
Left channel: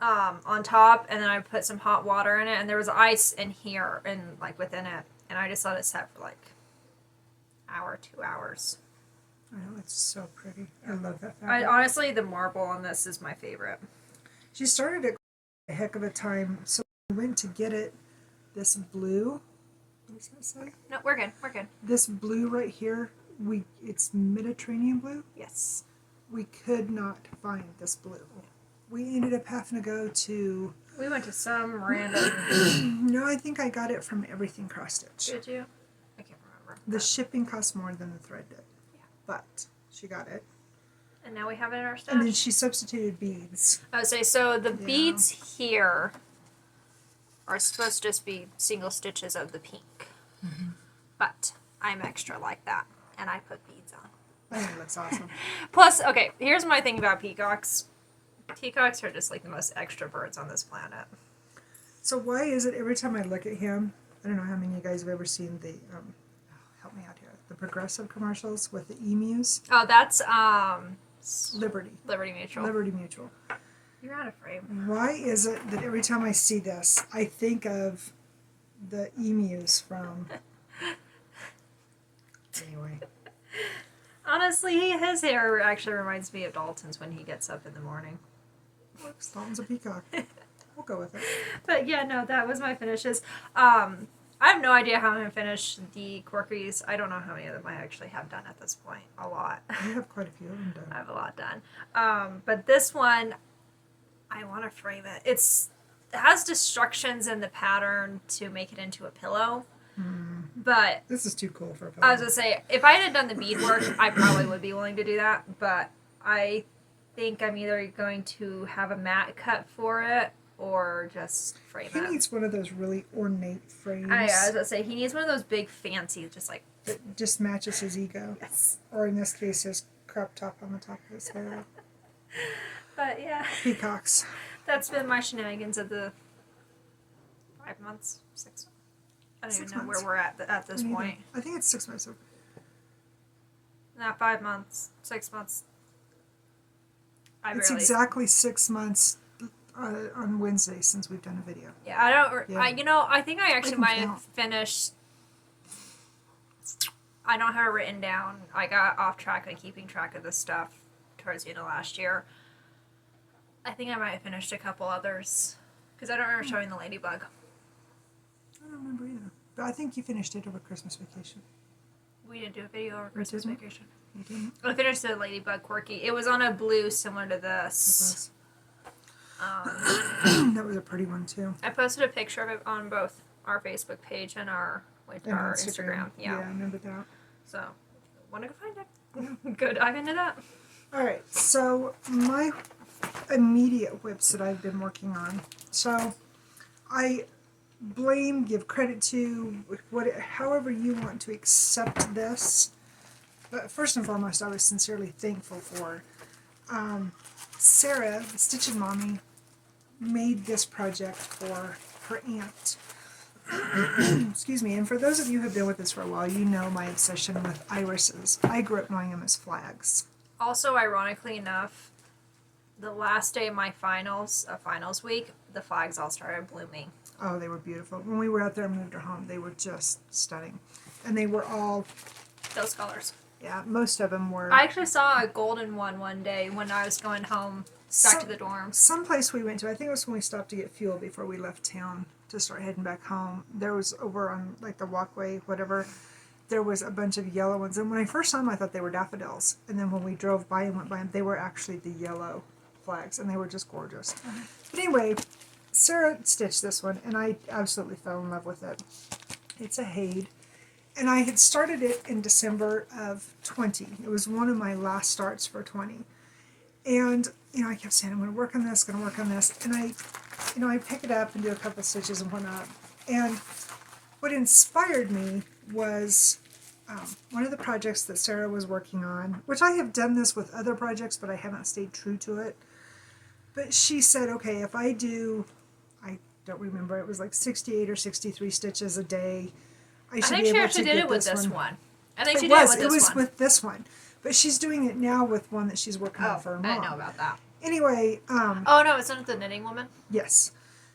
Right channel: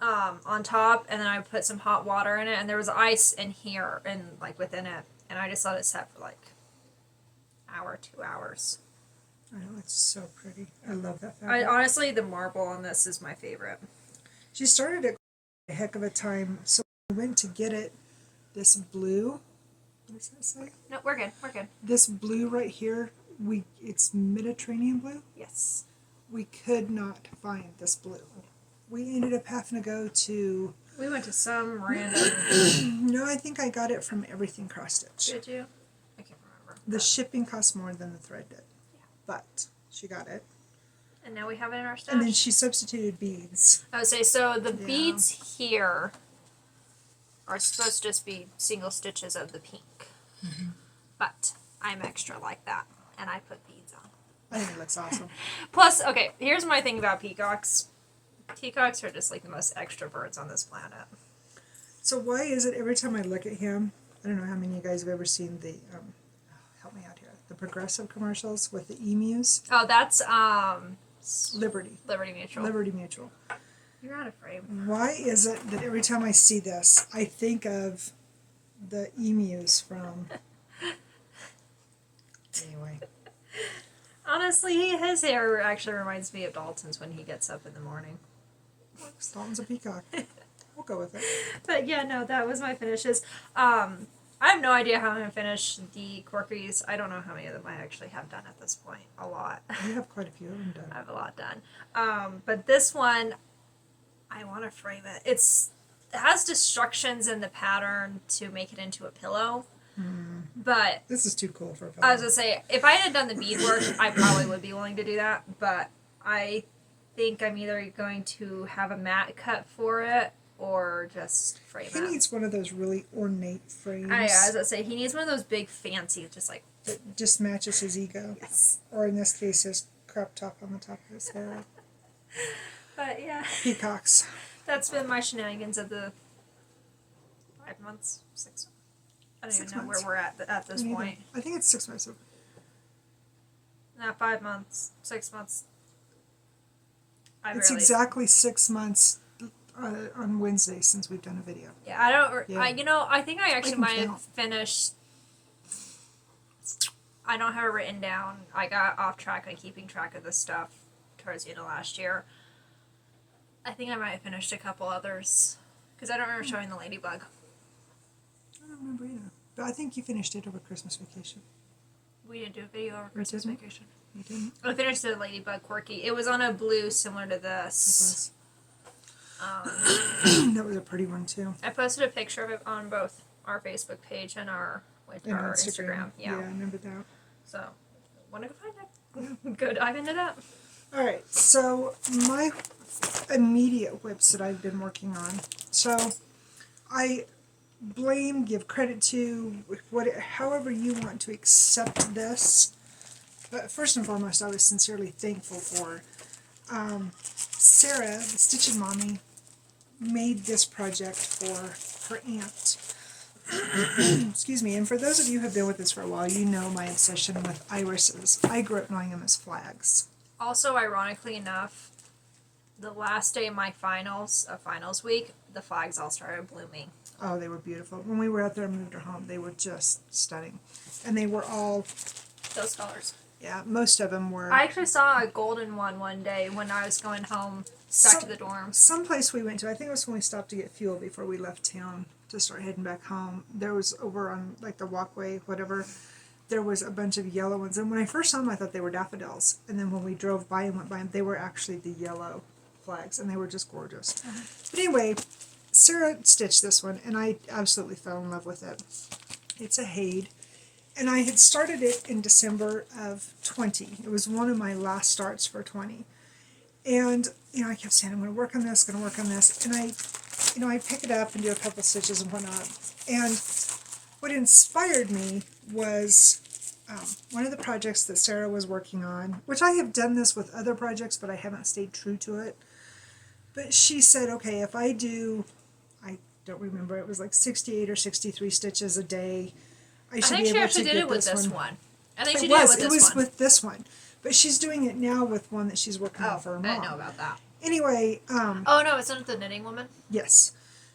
on top, and then I put some hot water in it, and there was ice in here and like within it, and I just let it set for like hour, 2 hours. I know, it's so pretty. I love that fabric. Honestly, the marble on this is my favorite. She started it a heck of a time, so we went to get it. This blue. What does that say? No, we're good. We're good. This blue right here, it's Mediterranean blue. Yes. We could not find this blue. We ended up having to go to... We went to some random... No, I think I got it from Everything Cross Stitch. Did you? I can't remember. The shipping cost more than the thread did. Yeah. But she got it. And now we have it in our stash. And then she substituted beads. I would say, so the beads here are supposed to just be single stitches of the pink. Mm-hmm. But I'm extra like that, and I put beads on. I think it looks awesome. Plus, okay, here's my thing about peacocks. Peacocks are just like the most extra birds on this planet. So why is it every time I look at him, I don't know how many of you guys have ever seen the, help me out here, the Progressive commercials with the emus? Oh, that's, Liberty. Liberty Mutual. Liberty Mutual. You're out of frame. Why is it that every time I see this, I think of the emus from... Anyway. Honestly, his hair actually reminds me of Dalton's when he gets up in the morning. Looks, Dalton's a peacock. We'll go with it. But yeah, no, that was my finishes. I have no idea how I'm going to finish the Corkies. I don't know how many of them I actually have done at this point. A lot. You have quite a few of them done. I have a lot done. But this one, I want to frame it. It has destructions in the pattern to make it into a pillow. But this is too cool for a pillow. I was going to say, if I had done the beadwork, I probably would be willing to do that. But I think I'm either going to have a mat cut for it or just frame it. He needs one of those really ornate frames. I was going to say, he needs one of those big fancy, just like... That just matches his ego. Yes. Or in this case, his crop top on the top of his head. But yeah. Peacocks. That's been my shenanigans of the 5 months, 6 months. I don't even know where we're at this point. I think it's 6 months. No, 5 months, 6 months. It's exactly 6 months on Wednesday since we've done a video. Yeah, I don't. Yeah. I think I actually might have finished. I don't have it written down. I got off track on keeping track of this stuff towards the end of last year. I think I might have finished a couple others because I don't remember showing the ladybug. I don't remember either. But I think you finished it over Christmas vacation. We didn't do a video over Christmas vacation. You didn't? I finished the ladybug quirky. It was on a blue similar to this. That was a pretty one too. I posted a picture of it on both our Facebook page and our Instagram. Yeah, I remember that. So, want to go find it? Go dive into that. All right. So my immediate whips that I've been working on. So I blame, give credit to, however you want to accept this. But first and foremost, I was sincerely thankful for Sarah, the Stitching Mommy, made this project for her aunt. Excuse me. And for those of you who have been with us for a while, you know my obsession with irises. I grew up knowing them as flags. Also, ironically enough, the last day of my finals week, the flags all started blooming. Oh, they were beautiful. When we were out there and moved her home, they were just stunning. And they were all... Those colors. Yeah, most of them were... I actually saw a golden one day when I was going home back to the dorm. Someplace we went to, I think it was when we stopped to get fuel before we left town to start heading back home. There was over on like the walkway, whatever, there was a bunch of yellow ones. And when I first saw them, I thought they were daffodils. And then when we drove by and went by them, they were actually the yellow flags. And they were just gorgeous. Mm-hmm. But anyway, Sarah stitched this one, and I absolutely fell in love with it. It's a Hade. And I had started it in December of 20. It was one of my last starts for 20. And, I kept saying, I'm going to work on this, And I pick it up and do a couple stitches and whatnot. And what inspired me was one of the projects that Sarah was working on, which I have done this with other projects, but I haven't stayed true to it. But she said, okay, if I do, I don't remember, it was like 68 or 63 stitches a day, I should be able to get this one. I think she actually did it with this one. I think she did it with this one. It was with this one. But she's doing it now with one that she's working on for her mom. I didn't know about that. Anyway. Oh, no, it's not the Knitting Woman? Yes.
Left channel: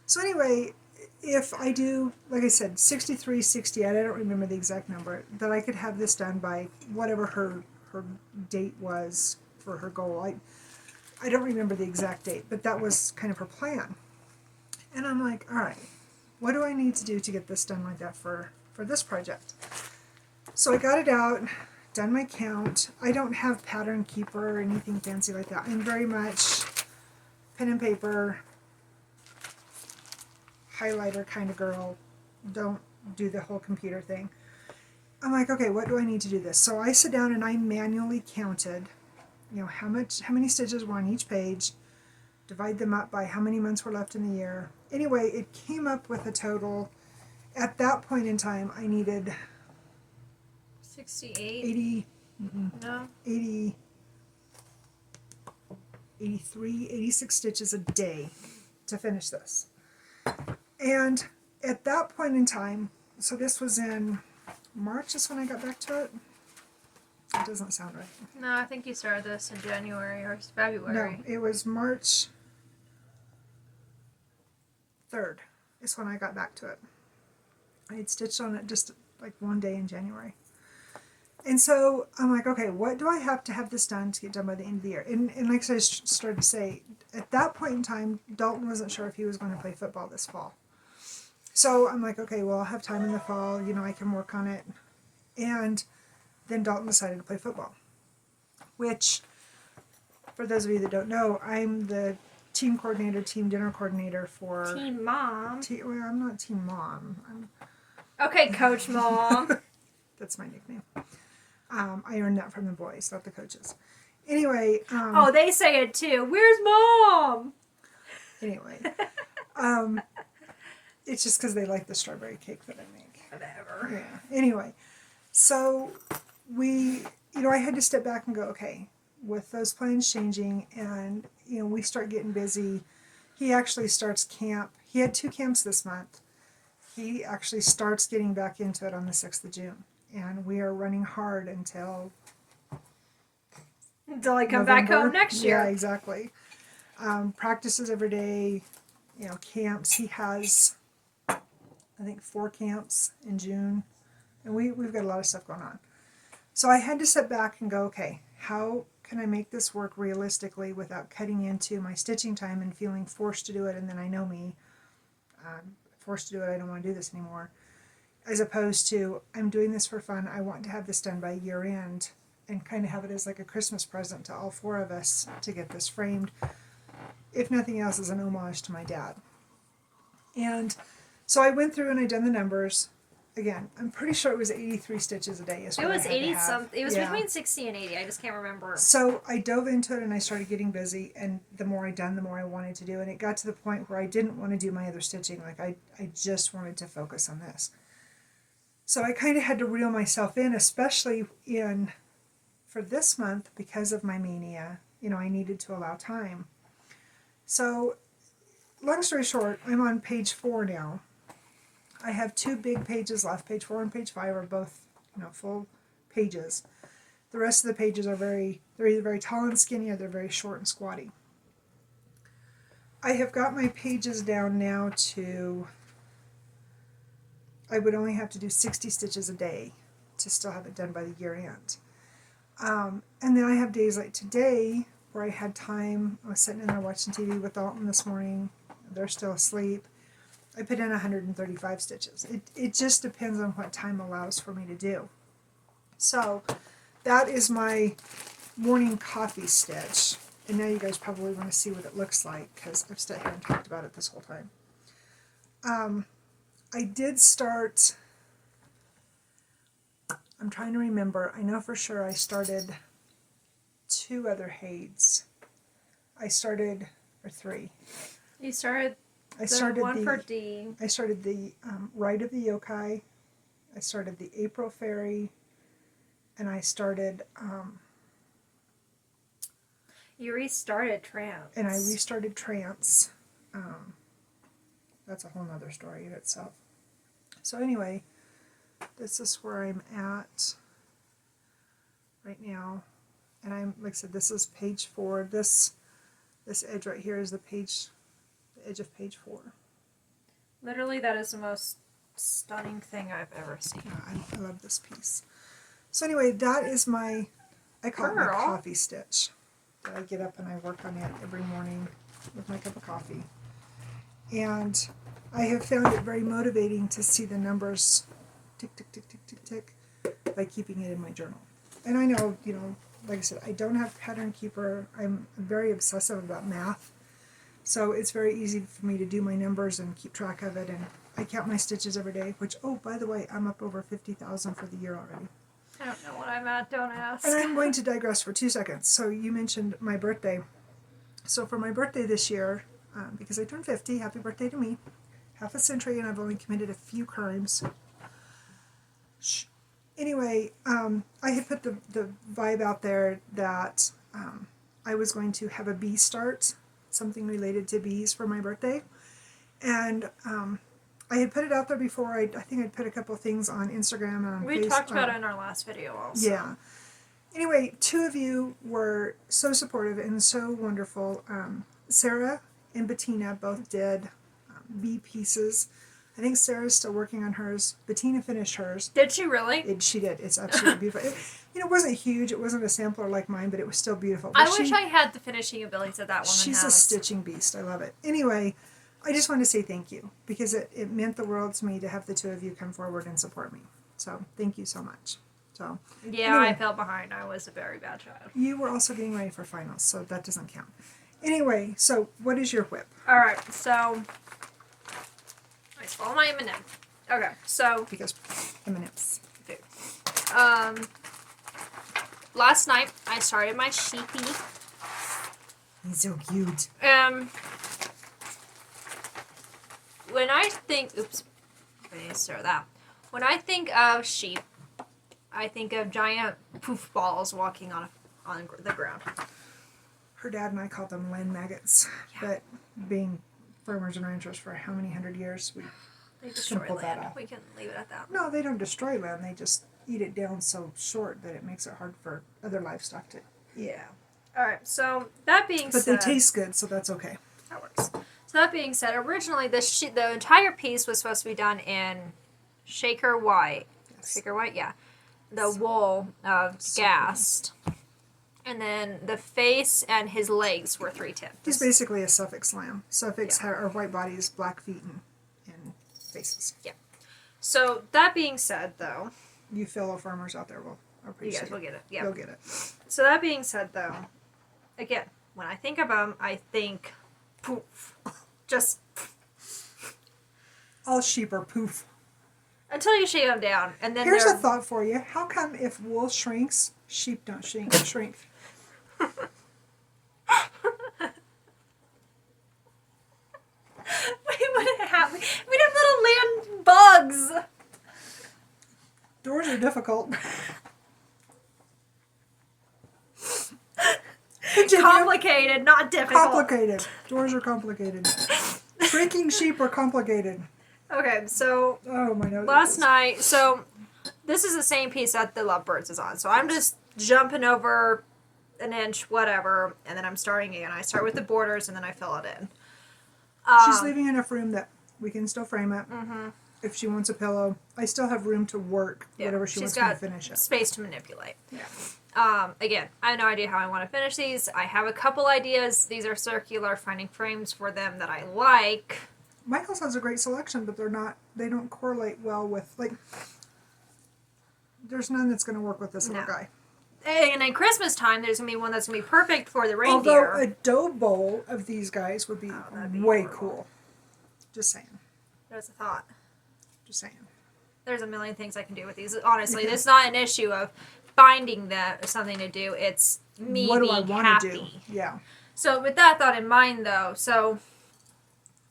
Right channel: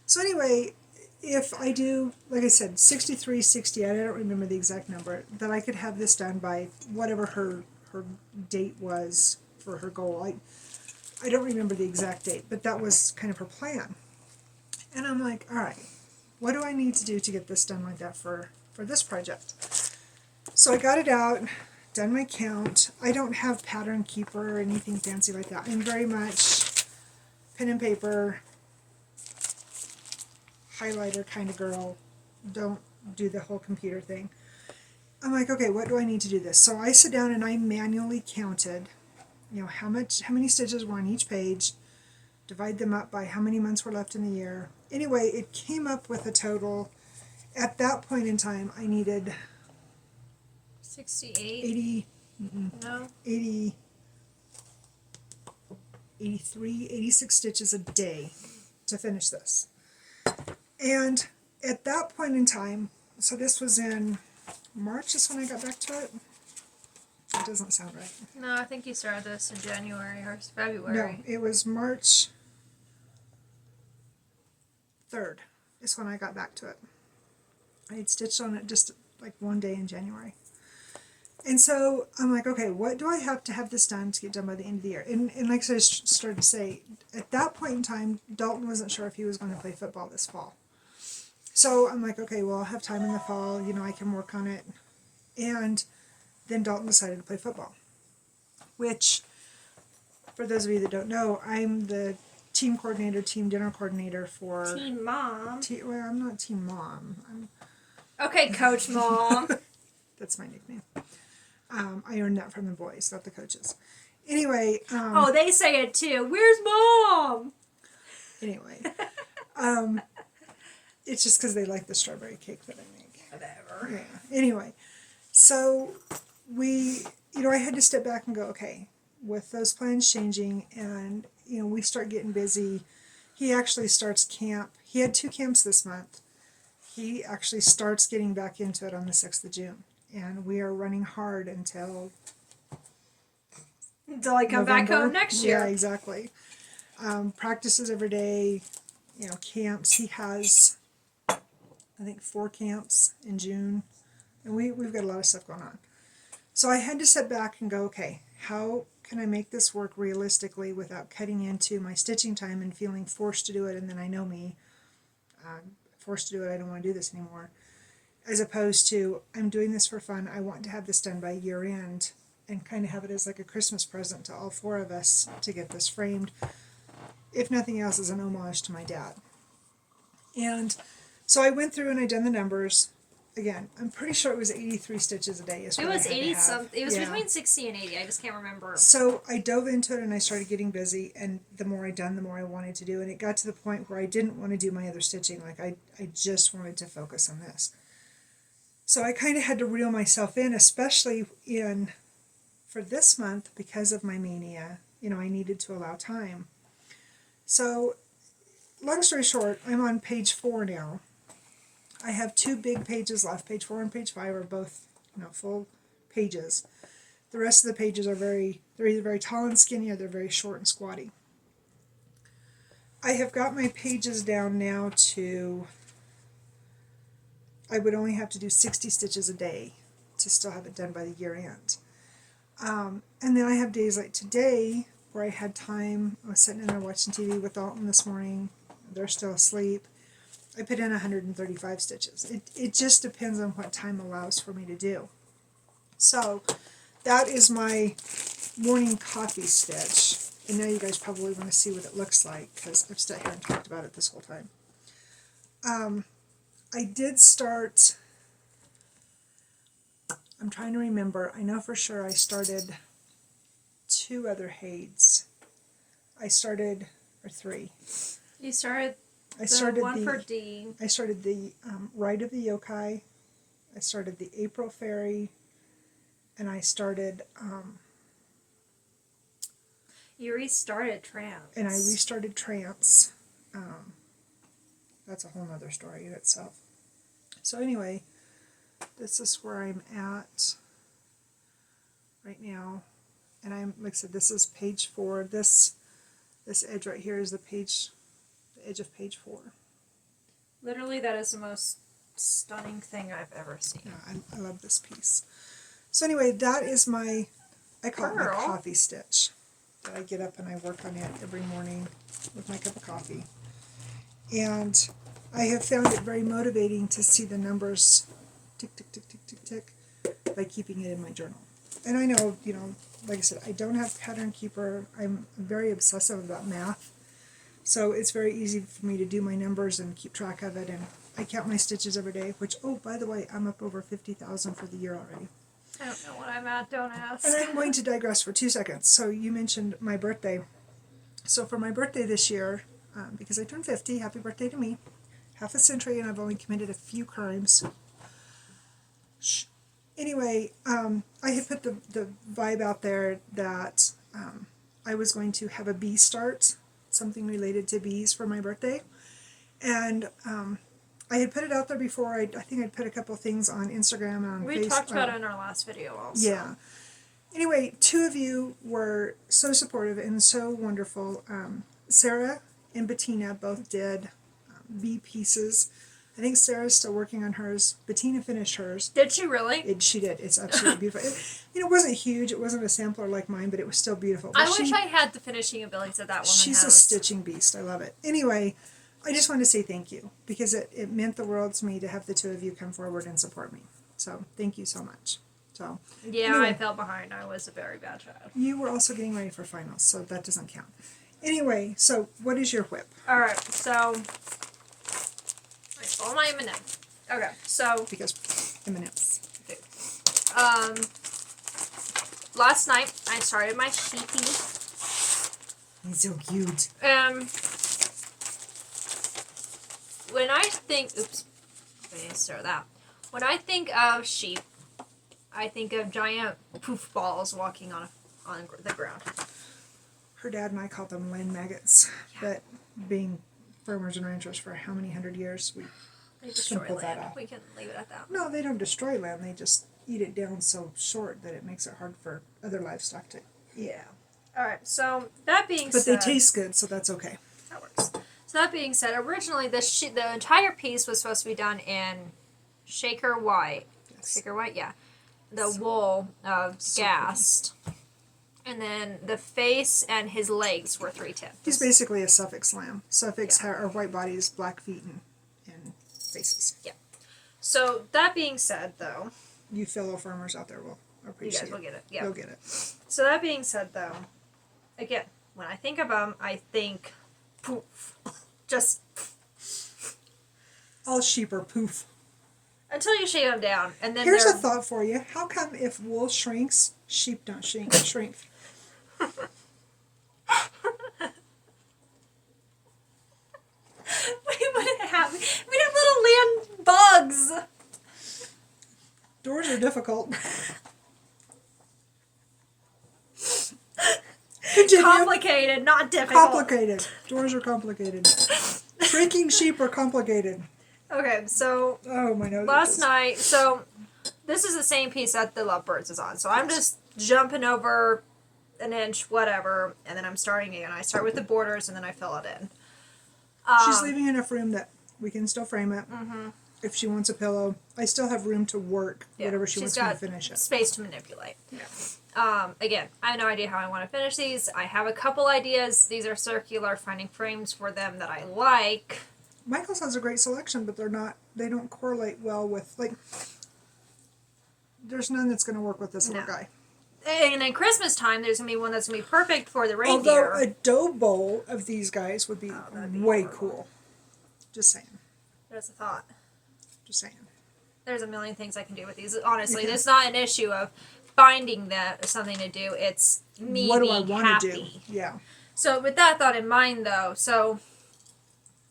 So anyway, if I do, like I said, 63, 60, I don't remember the exact number, that I could have this done by whatever her date was for her goal. I don't remember the exact date, but that was kind of her plan. And I'm like, all right, what do I need to do to get this done like that for this project? So I got it out, done my count. I don't have Pattern Keeper or anything fancy like that. I'm very much pen and paper, highlighter kind of girl. Don't do the whole computer thing. I'm like, okay, what do I need to do this? So I sit down and I manually counted, how many stitches were on each page, divide them up by how many months were left in the year. Anyway, it came up with a total. At that point in time, I needed 68? 80, no. 80, 83, 86 stitches a day to finish this. And at that point in time, so this was in March is when I got back to it. It doesn't sound right. No, I think you started this in January or February. No, it was March 3rd is when I got back to it. I had stitched on it just like one day in January. And so I'm like, okay, what do I have to have this done to get done by the end of the year? And like I started to say, at that point in time, Dalton wasn't sure if he was going to play football this fall. So I'm like, okay, well, I'll have time in the fall, I can work on it. And then Dalton decided to play football, which, for those of you that don't know, I'm the team coordinator, team dinner coordinator for... Team mom. Well, I'm not team mom. Okay, Coach Mom. That's my nickname. I earned that from the boys, not the coaches. Anyway. Oh, they say it too. Where's Mom? Anyway. It's just because they like the strawberry cake that I make. Whatever. Yeah. Anyway. So I had to step back and go, okay, with those plans changing and, we start getting busy. He actually starts camp. He had 2 camps this month. He actually starts getting back into it on the 6th of June. And we are running hard until I come back home next year. Yeah, exactly. Practices every day, camps. He has, I think, 4 camps in June. And we've got a lot of stuff going on. So I had to sit back and go, okay, how can I make this work realistically without cutting into my stitching time and feeling forced to do it? And then I know me, forced to do it, I don't want to do this anymore. As opposed to, I'm doing this for fun, I want to have this done by year end and kind of have it as like a Christmas present to all 4 of us to get this framed, if nothing else as an homage to my dad. And so I went through and I done the numbers, again, I'm pretty sure it was 83 stitches a day. Is It what was I had to 80 have. something. It was Yeah. between 60 and 80. I just can't remember. So I dove into it and I started getting busy, and the more I done, the more I wanted to do, and it got to the point where I didn't want to do my other stitching. Like I just wanted to focus on this. So I kind of had to reel myself in, especially for this month because of my mania. You know, I needed to allow time. So, long story short, I'm on page 4 now. I have 2 big pages left. Page 4 and page 5 are both, full pages. The rest of the pages are they're either very tall and skinny or they're very short and squatty. I have got my pages down now to, I would only have to do 60 stitches a day to still have it done by the year end. And then I have days like today where I had time. I was sitting in there watching TV with Alton this morning. They're still asleep. I put in 135 stitches. It just depends on what time allows for me to do. So that is my morning coffee stitch. And now you guys probably want to see what it looks like because I've sat here and talked about it this whole time. I did start, I'm trying to remember, I know for sure I started 2 other heids. I started, or 3. You started I started one for D. I started the Rite of the Yokai. I started the April Fairy, and I started You restarted Trance. and I restarted Trance. That's a whole nother story in itself. So anyway, this is where I'm at right now, and I'm like I said, this is page 4. This edge right here is the edge of page 4. Literally, that is the most stunning thing I've ever seen. I love this piece. So anyway, that is I call it my Girl. coffee stitch. I get up and I work on it every morning with my cup of coffee. And I have found it very motivating to see the numbers tick, tick, tick, tick, tick, tick by keeping it in my journal. And I know, like I said, I don't have Pattern Keeper. I'm very obsessive about math. So it's very easy for me to do my numbers and keep track of it. And I count my stitches every day, which, oh, by the way, I'm up over 50,000 for the year already. I don't know what I'm at, don't ask. And I'm going to digress for 2 seconds. So you mentioned my birthday. So for my birthday this year, because I turned 50, happy birthday to me, half a century, and I've only committed a few crimes. Anyway, I had put the vibe out there that I was going to have a bee start, something related to bees for my birthday. And I had put it out there before. I think I'd put a couple things on Instagram and on Facebook. We talked about it in our last video also. Yeah. Anyway, 2 of you were so supportive and so wonderful. Sarah and Bettina both did bee pieces. I think Sarah's still working on hers. Bettina finished hers. Did she really? She did. It's absolutely beautiful. It wasn't huge. It wasn't a sampler like mine, but it was still beautiful. But I wish I had the finishing abilities that woman She's has. a stitching beast. I love it. Anyway, I just wanted to say thank you because it meant the world to me to have the 2 of you come forward and support me. So thank you so much. So yeah, anyway, I fell behind. I was a very bad child. you were also getting ready for finals, so that doesn't count. Anyway, so what is your whip? All right, so all my M&M. Okay, so Because M&Ms. Last night I started my sheepy. He's so cute. When I think, oops, I didn't start that. When I think of sheep, I think of giant poof balls walking on the ground. Her dad and I called them land maggots, but being farmers and ranchers for how many 100 years, we They destroy pull that land. off. We can leave it at that. No, they don't destroy land. They just eat it down so short that it makes it hard for other livestock to eat. Yeah. All right. So that being But said, they taste good, so that's okay. that works. So that being said, originally the entire piece was supposed to be done in shaker white. Yes. Shaker white, yeah. The wool of So Gast. And then the face and his legs were 3/10. He's basically a Suffolk lamb. Suffolks are white bodies, black feet, and faces. So that being said, though, You fellow farmers out there will you appreciate guys will get it. Yeah. You'll get it. So that being said, though, again, when I think of them, I think poof. Just All sheep are poof. Until you shave them down, and then Here's a they're... thought for you. How come if wool shrinks, sheep don't shrink? We'd have little land bugs. Doors are difficult. Continue. Complicated, not difficult. Complicated. Doors are complicated. Shrinking sheep are complicated. Okay, so Oh, my nose. last night, so this is the same piece that the Lovebirds is on. So I'm just jumping over an inch, whatever, and then I'm starting again. I start with the borders and then I fill it in. She's leaving enough room that we can still frame it. Mm-hmm. If she wants a pillow, I still have room to work whatever she wants me to finish it. Space to manipulate. Yeah. Again, I have no idea how I want to finish these. I have a couple ideas. These are circular, finding frames for them that I like. Michael's has a great selection, but they don't correlate well with, like, there's none that's going to work with this little guy. And at Christmas time, there's going to be one that's going to be perfect for the reindeer. Although a dough bowl of these guys would be way cool. Just saying. There's a thought. Just saying. There's a million things I can do with these. Honestly, it's not an issue of finding them or something to do. It's me what do being I want happy. to do? Yeah. So with that thought in mind, though, so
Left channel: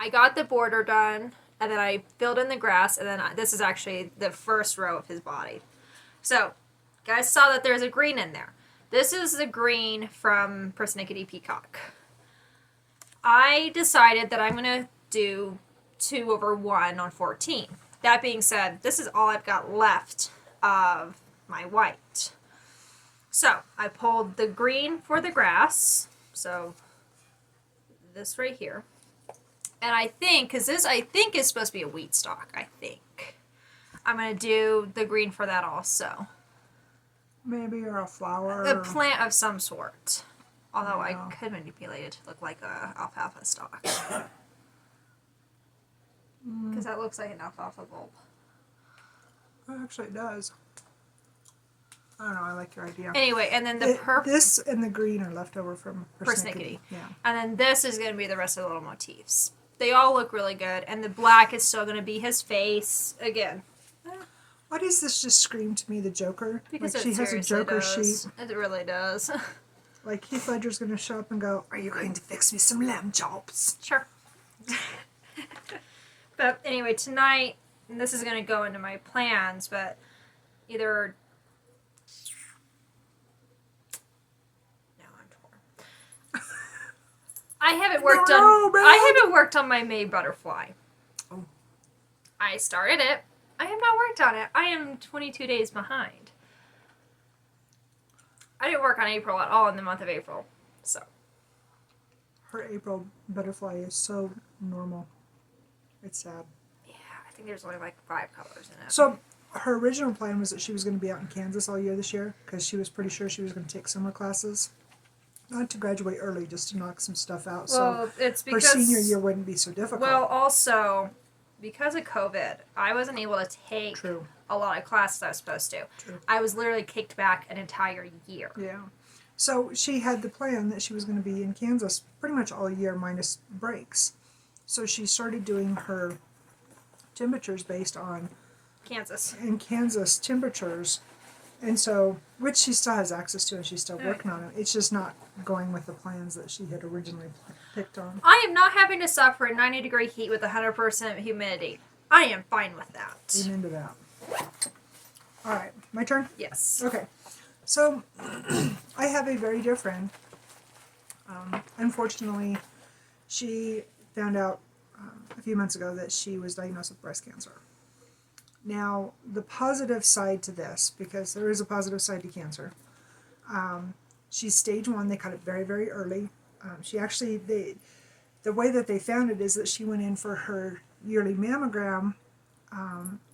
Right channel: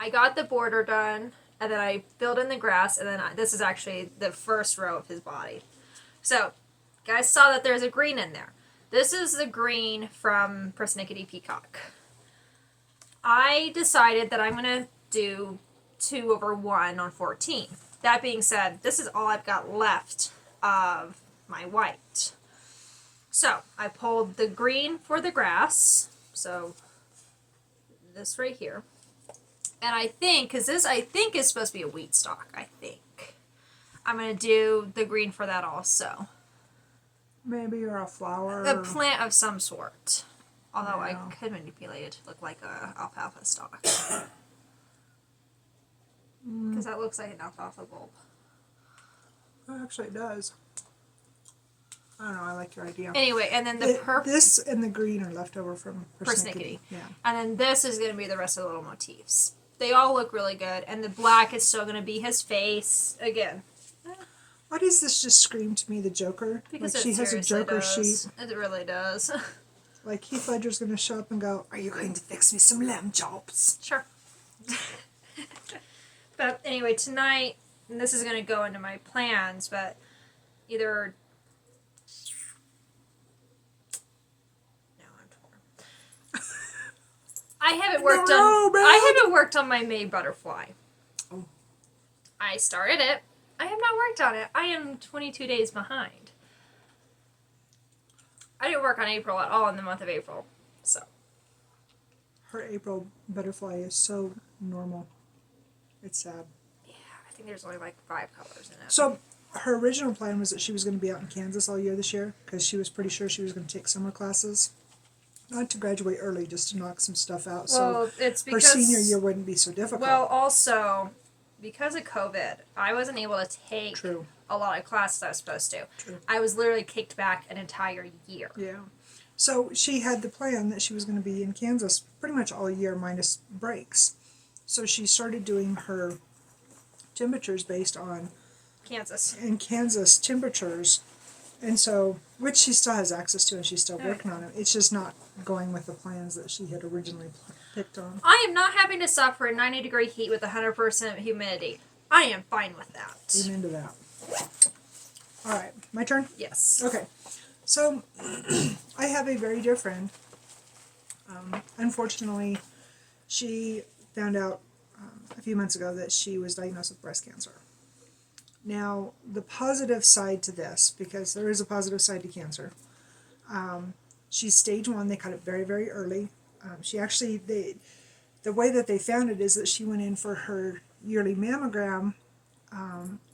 I got the border done, and then I filled in the grass, and then this is actually the first row of his body. So, guys saw that there's a green in there. This is the green from Persnickety Peacock. I decided that I'm going to do 2/1 on 14. That being said, this is all I've got left of my white. So, I pulled the green for the grass, so this right here. And I think, because this I think is supposed to be a wheat stalk, I think. I'm going to do the green for that also. Maybe, or a flower. A plant of some sort. Although I Yeah. could manipulate it to look like a alfalfa stalk. Because that looks like an alfalfa bulb. Actually, it does. I don't know, I like your idea. Anyway, and then the purple... This and the green are left over from Persnickety. Yeah. And then this is going to be the rest of the little motifs. They all look really good. And the black is still going to be his face. Again. Why does this just scream to me the Joker? Because like she has a Joker sheet. It really does. Like Heath Ledger's going to show up and go, "Are you going to fix me some lamb chops?" Sure. But anyway, tonight, and this is going to go into my plans, but either... No, I'm torn. I haven't worked on my May butterfly. Oh. I started it. I have not worked on it. I am 22 days behind. I didn't work on April at all in the month of April, so. Her April butterfly is so normal. It's sad. Yeah, I think there's only like 5 colors in it. So her original plan was that she was going to be out in Kansas all year this year because she was pretty sure she was going to take summer classes. Not to graduate early, just to knock some stuff out. Well, so it's because... her senior year wouldn't be so difficult. Well, also, because of COVID, I wasn't able to take True. a lot of classes I was supposed to. True. I was literally kicked back an entire year. Yeah. So she had the plan that she was going to be in Kansas pretty much all year minus breaks. So she started doing her temperatures based on Kansas temperatures. And so, which she still has access to and she's still working on it. It's just not going with the plans that she had originally picked on. I am not having to suffer in 90-degree heat with 100% humidity. I am fine with that. Amen to that. All right, my turn? Yes. Okay. So, I have a very dear friend. Unfortunately, she found out a few months ago that she was diagnosed with breast cancer. Now, the positive side to this, because there is a positive side to cancer, she's stage 1. They caught it very, very early. She actually, the way that they found it is that she went in for her yearly mammogram,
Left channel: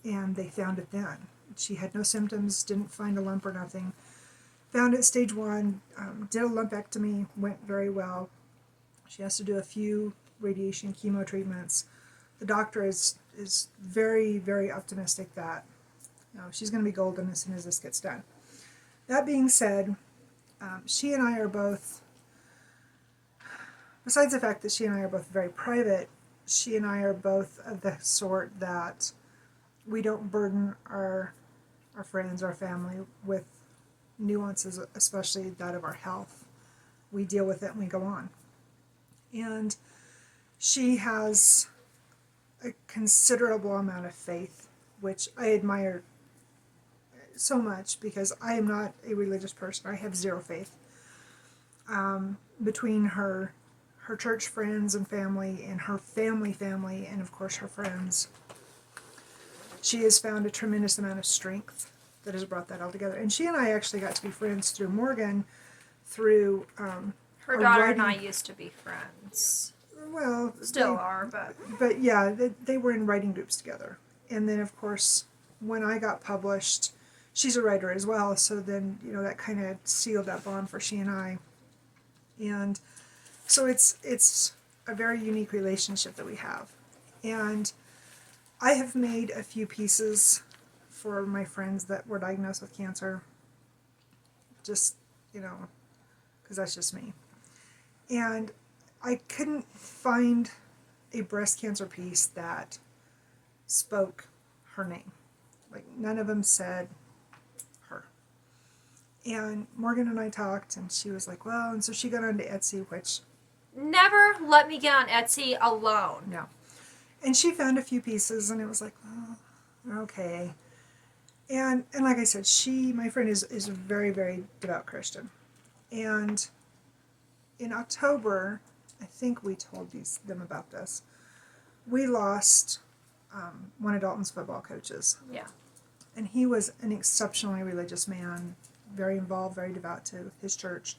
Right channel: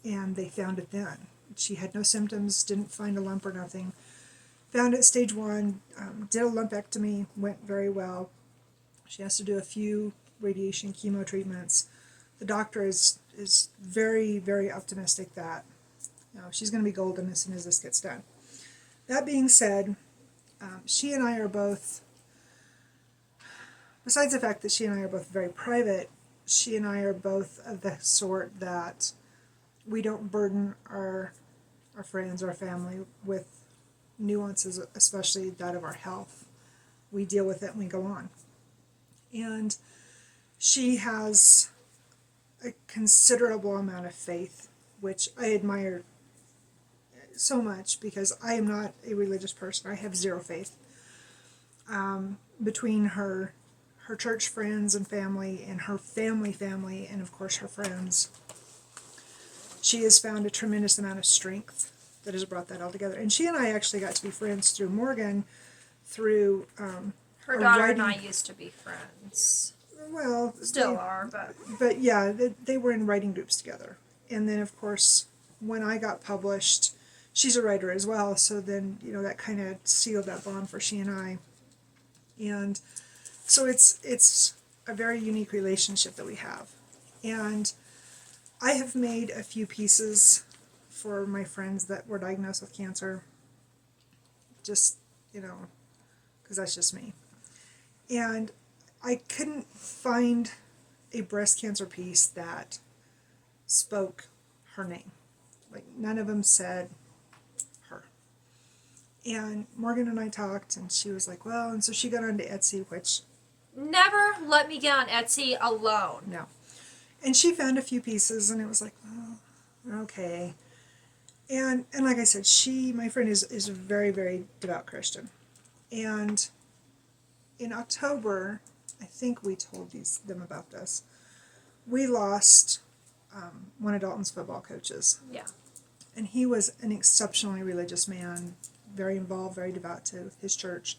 and they found it then. She had no symptoms, didn't find a lump or nothing. Found it stage 1, did a lumpectomy, went very well. She has to do a few radiation chemo treatments. The doctor is very, very optimistic that she's going to be golden as soon as this gets done. That being said, she and I are both, besides the fact that she and I are both very private, she and I are both of the sort that we don't burden our friends, our family with nuances, especially that of our health. We deal with it and we go on. And she has a considerable amount of faith, which I admire so much because I am not a religious person. I have zero faith. Between her church friends and family and her family, and of course her friends, she has found a tremendous amount of strength that has brought that all together. And she and I actually got to be friends through Morgan, through Her daughter and I used to be friends. Well, still are, but yeah, they were in writing groups together. And then of course, when I got published, she's a writer as well, so then that kind of sealed that bond for she and I. And so it's a very unique relationship that we have. And I have made a few pieces for my friends that were diagnosed with cancer. Just, because that's just me. And I couldn't find a breast cancer piece that spoke her name. Like, none of them said her. And Morgan and I talked, and she was like, well, and so she got onto Etsy, which... Never let me get on Etsy alone. No. And she found a few pieces, and it was like, oh, okay. And like I said, my friend is a very, very devout Christian. And in October, I think we told them about this, we lost one of Dalton's football coaches. Yeah. And he was an exceptionally religious man, very involved, very devout to his church.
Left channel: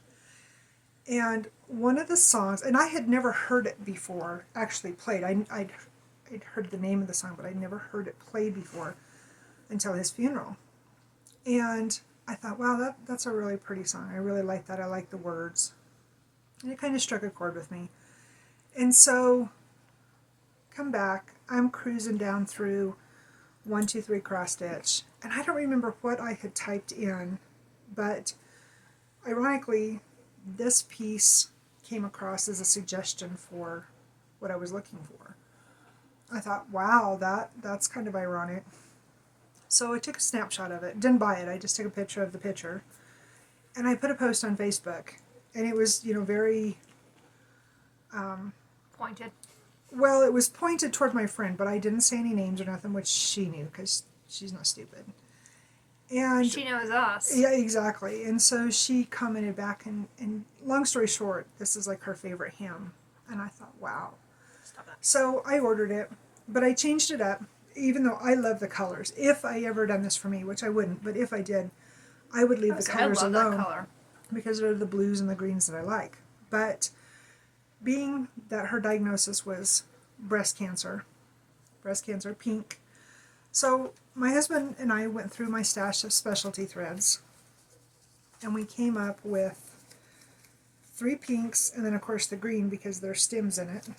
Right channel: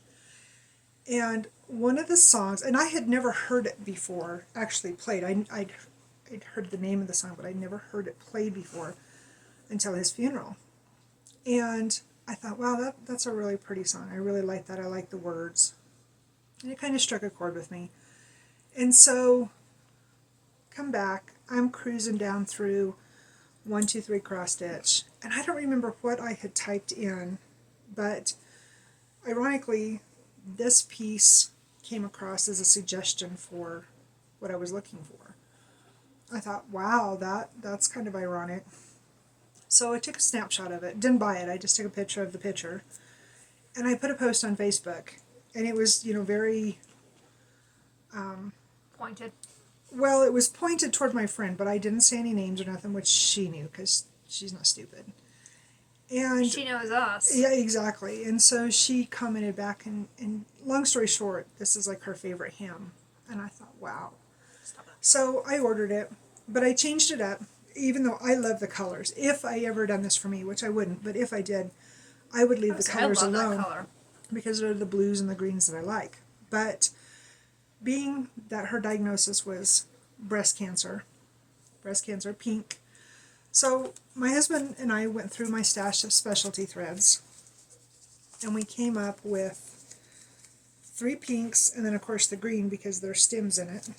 And one of the songs, and I had never heard it before, actually played. I'd heard the name of the song, but I'd never heard it played before until his funeral. And I thought, wow, that's a really pretty song. I really like that. I like the words. And it kind of struck a chord with me. And so, come back, I'm cruising down through 123 Cross Stitch, and I don't remember what I had typed in, but ironically, this piece came across as a suggestion for what I was looking for. I thought, wow, that's kind of ironic. So I took a snapshot of it. Didn't buy it. I just took a picture of the picture. And I put a post on Facebook. And it was, very... Pointed. Well, it was pointed toward my friend, but I didn't say any names or nothing, which she knew, because she's not stupid. And she knows us. Yeah, exactly. And so she commented back, and long story short, this is like her favorite hymn. And I thought, wow. Stop that. So I ordered it, but I changed it up, even though I love the colors. If I ever done this for me, which I wouldn't, but if I did, I would leave the colors alone. That color. Because they're the blues and the greens that I like. But being that her diagnosis was breast cancer, pink. So my husband and I went through my stash of specialty threads, and we came up with 3 pinks, and then of course the green because there's stems in it.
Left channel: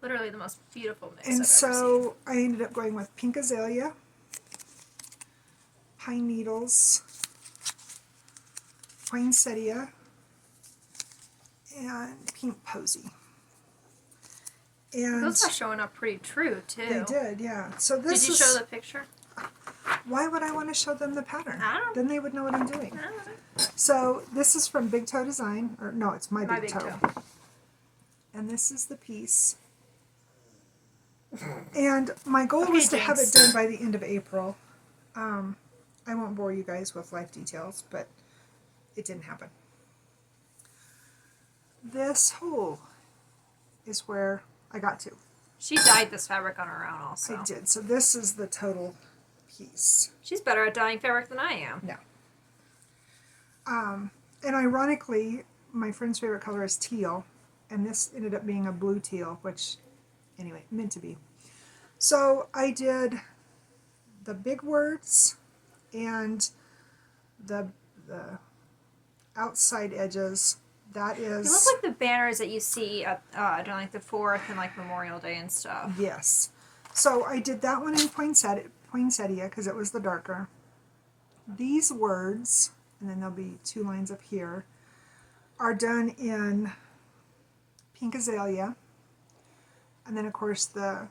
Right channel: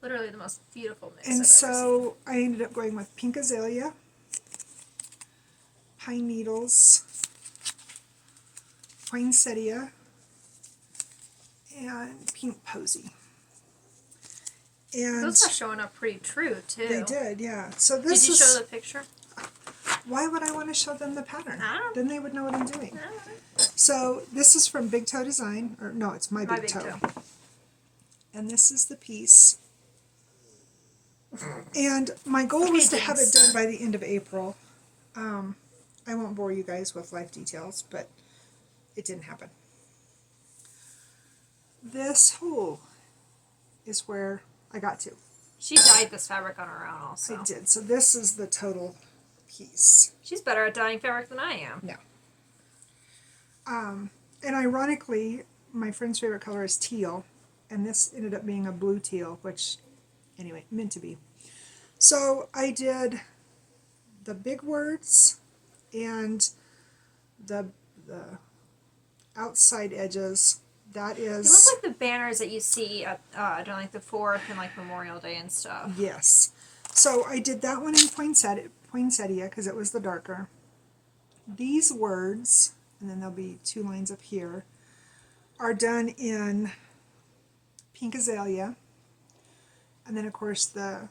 Literally the most beautiful mix And I've so ever seen. I ended up going with pink azalea, pine needles, poinsettia, and pink posy. And those are showing up pretty true, too. they did, yeah. So this Did you show the picture? Why would I want to show them the pattern? I don't know. Then they would know what I'm doing. I don't know. So this is from Big Toe Design, or no, it's My Big Toe. Toe. And this is the piece. And my goal was to have it done by the end of April. I won't bore you guys with life details, but it didn't happen. This hole is where I got to. She dyed this fabric on her own also. I did. So this is the total piece. She's better at dyeing fabric than I am. No. And ironically, my friend's favorite color is teal, and this ended up being a blue teal, which, anyway, meant to be. So I did the big words and the outside edges. That is... They look like the banners that you see at during like the 4th and like Memorial Day and stuff. Yes. So I did that one in poinsettia because it was the darker. These words, and then there'll be 2 lines up here, are done in pink azalea. And then of course the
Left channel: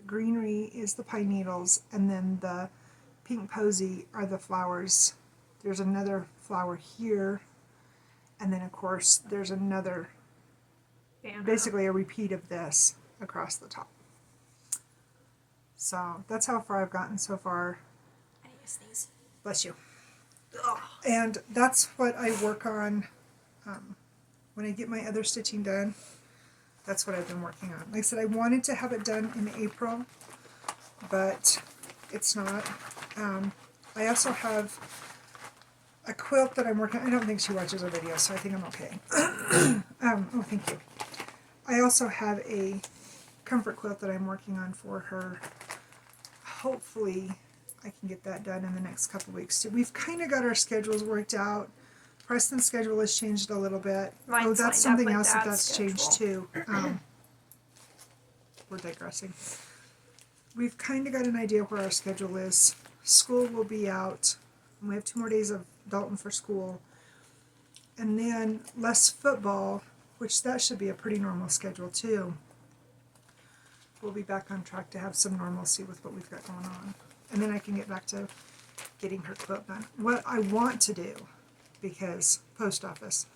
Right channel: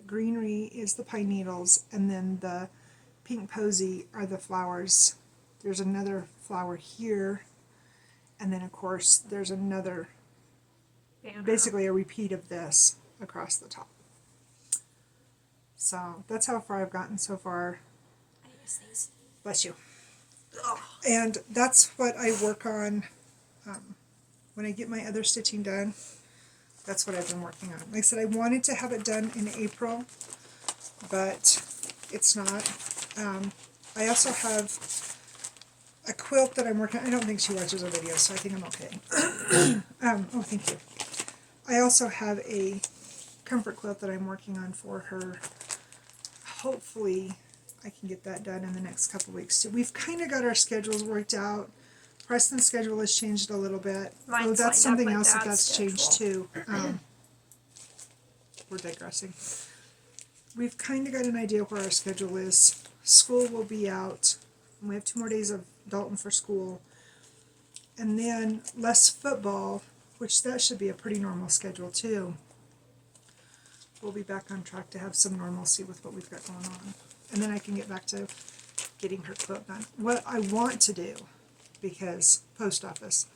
The greenery is the pine needles, and then the pink posy are the flowers. There's another flower here, and then of course there's another, basically a repeat of this across the top. So that's how far I've gotten so far. I need to sneeze. Bless you. Ugh. And that's what I work on when I get my other stitching done. That's what I've been working on. Like I said, I wanted to have it done in April, but it's not. I also have a quilt that I'm working on. I don't think she watches our videos, so I think I'm okay. Oh, thank you. I also have a comfort quilt that I'm working on for her. Hopefully I can get that done in the next couple weeks. We've kind of got our schedules worked out. Preston's schedule has changed a little bit. Mine's that's like something my else dad's that's changed too. We're digressing. We've kind of got an idea where our schedule is. School will be out. We have 2 more days of Dalton for school. And then less football, which that should be a pretty normal schedule too. We'll be back on track to have some normalcy with what we've got going on. And then I can get back to getting her quilt done. What I want to do, because post office,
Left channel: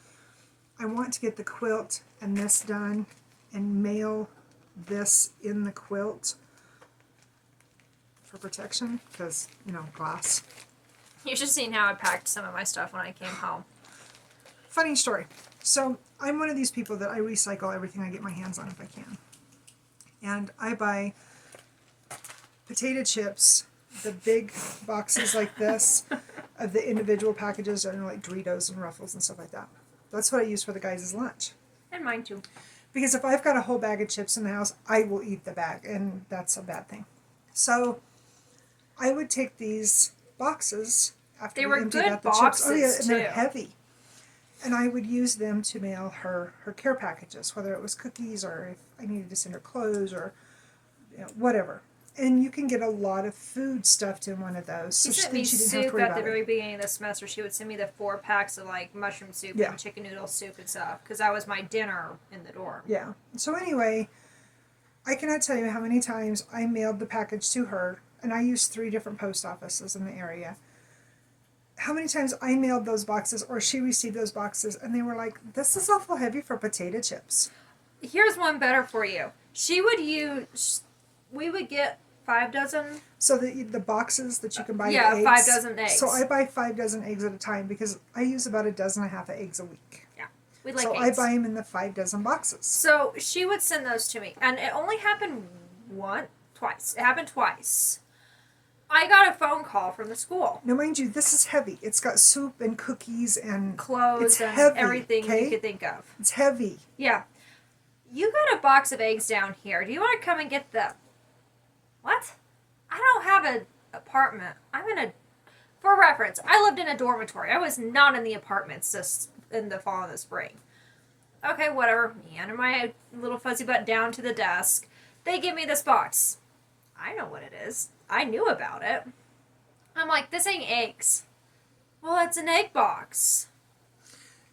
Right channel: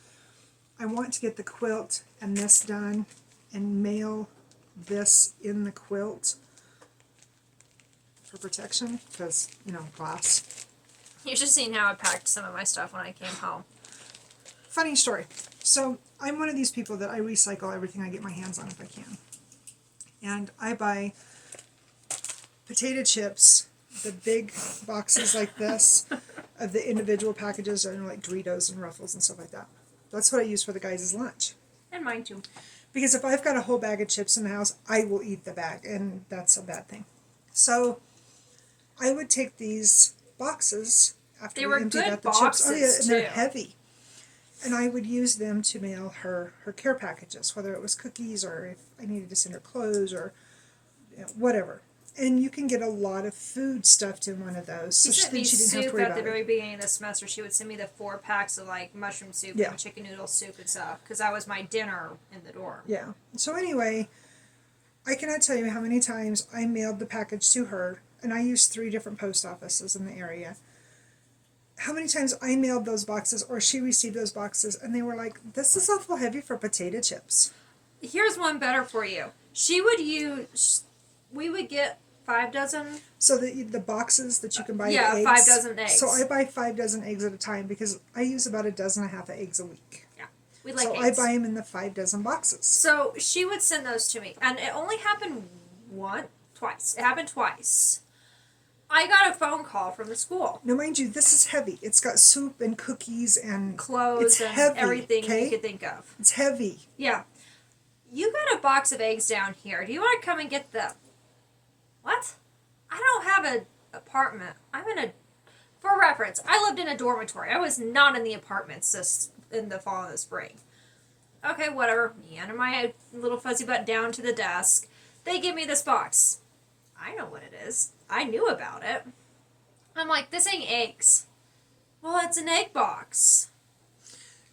I want to get the quilt and this done and mail this in the quilt for protection, because, you know, glass. You should have seen how I packed some of my stuff when I came home. Funny story. So I'm one of these people that I recycle everything I get my hands on if I can. And I buy potato chips, the big boxes like this, of the individual packages, and like Doritos and Ruffles and stuff like that. That's what I use for the guys' lunch. And mine too. Because if I've got a whole bag of chips in the house, I will eat the bag, and that's a bad thing. So I would take these boxes after They we were emptied good out the chips. Oh yeah, boxes, and they're too. heavy. And I would use them to mail her care packages, whether it was cookies or if I needed to send her clothes or whatever. And you can get a lot of food stuffed in one of those. She So sent then me she didn't have to soup worry at about the it. very beginning of the semester. She would send me the 4 packs of like mushroom soup Yeah. and chicken noodle soup and stuff because that was my dinner in the dorm. Yeah. So anyway, I cannot tell you how many times I mailed the package to her, and I used 3 different post offices in the area. How many times I mailed those boxes or she received those boxes and they were like, this is awful heavy for potato chips. Here's one better for you. We would get 5 dozen. So the boxes that you can buy Yeah, the eggs. 5 dozen eggs. So I buy 5 dozen eggs at a time because I use about 1.5 dozen of eggs a week. Yeah, we like So eggs. I buy them in the 5 dozen boxes. So she would send those to me, and it only happened twice. It happened twice. I got a phone call from the school. Now, mind you, this is heavy. It's got soup and cookies and Clothes it's and heavy, everything okay? you could think of. It's heavy. Yeah. You got a box of eggs down here. Do you want to come and get them? What? I don't have an apartment. For reference, I lived in a dormitory. I was not in the apartments this in the fall and the spring. Okay, whatever. Me and my little fuzzy butt down to the desk. They give me this box. I know what it is. I knew about it. I'm like, this ain't eggs. Well, it's an egg box.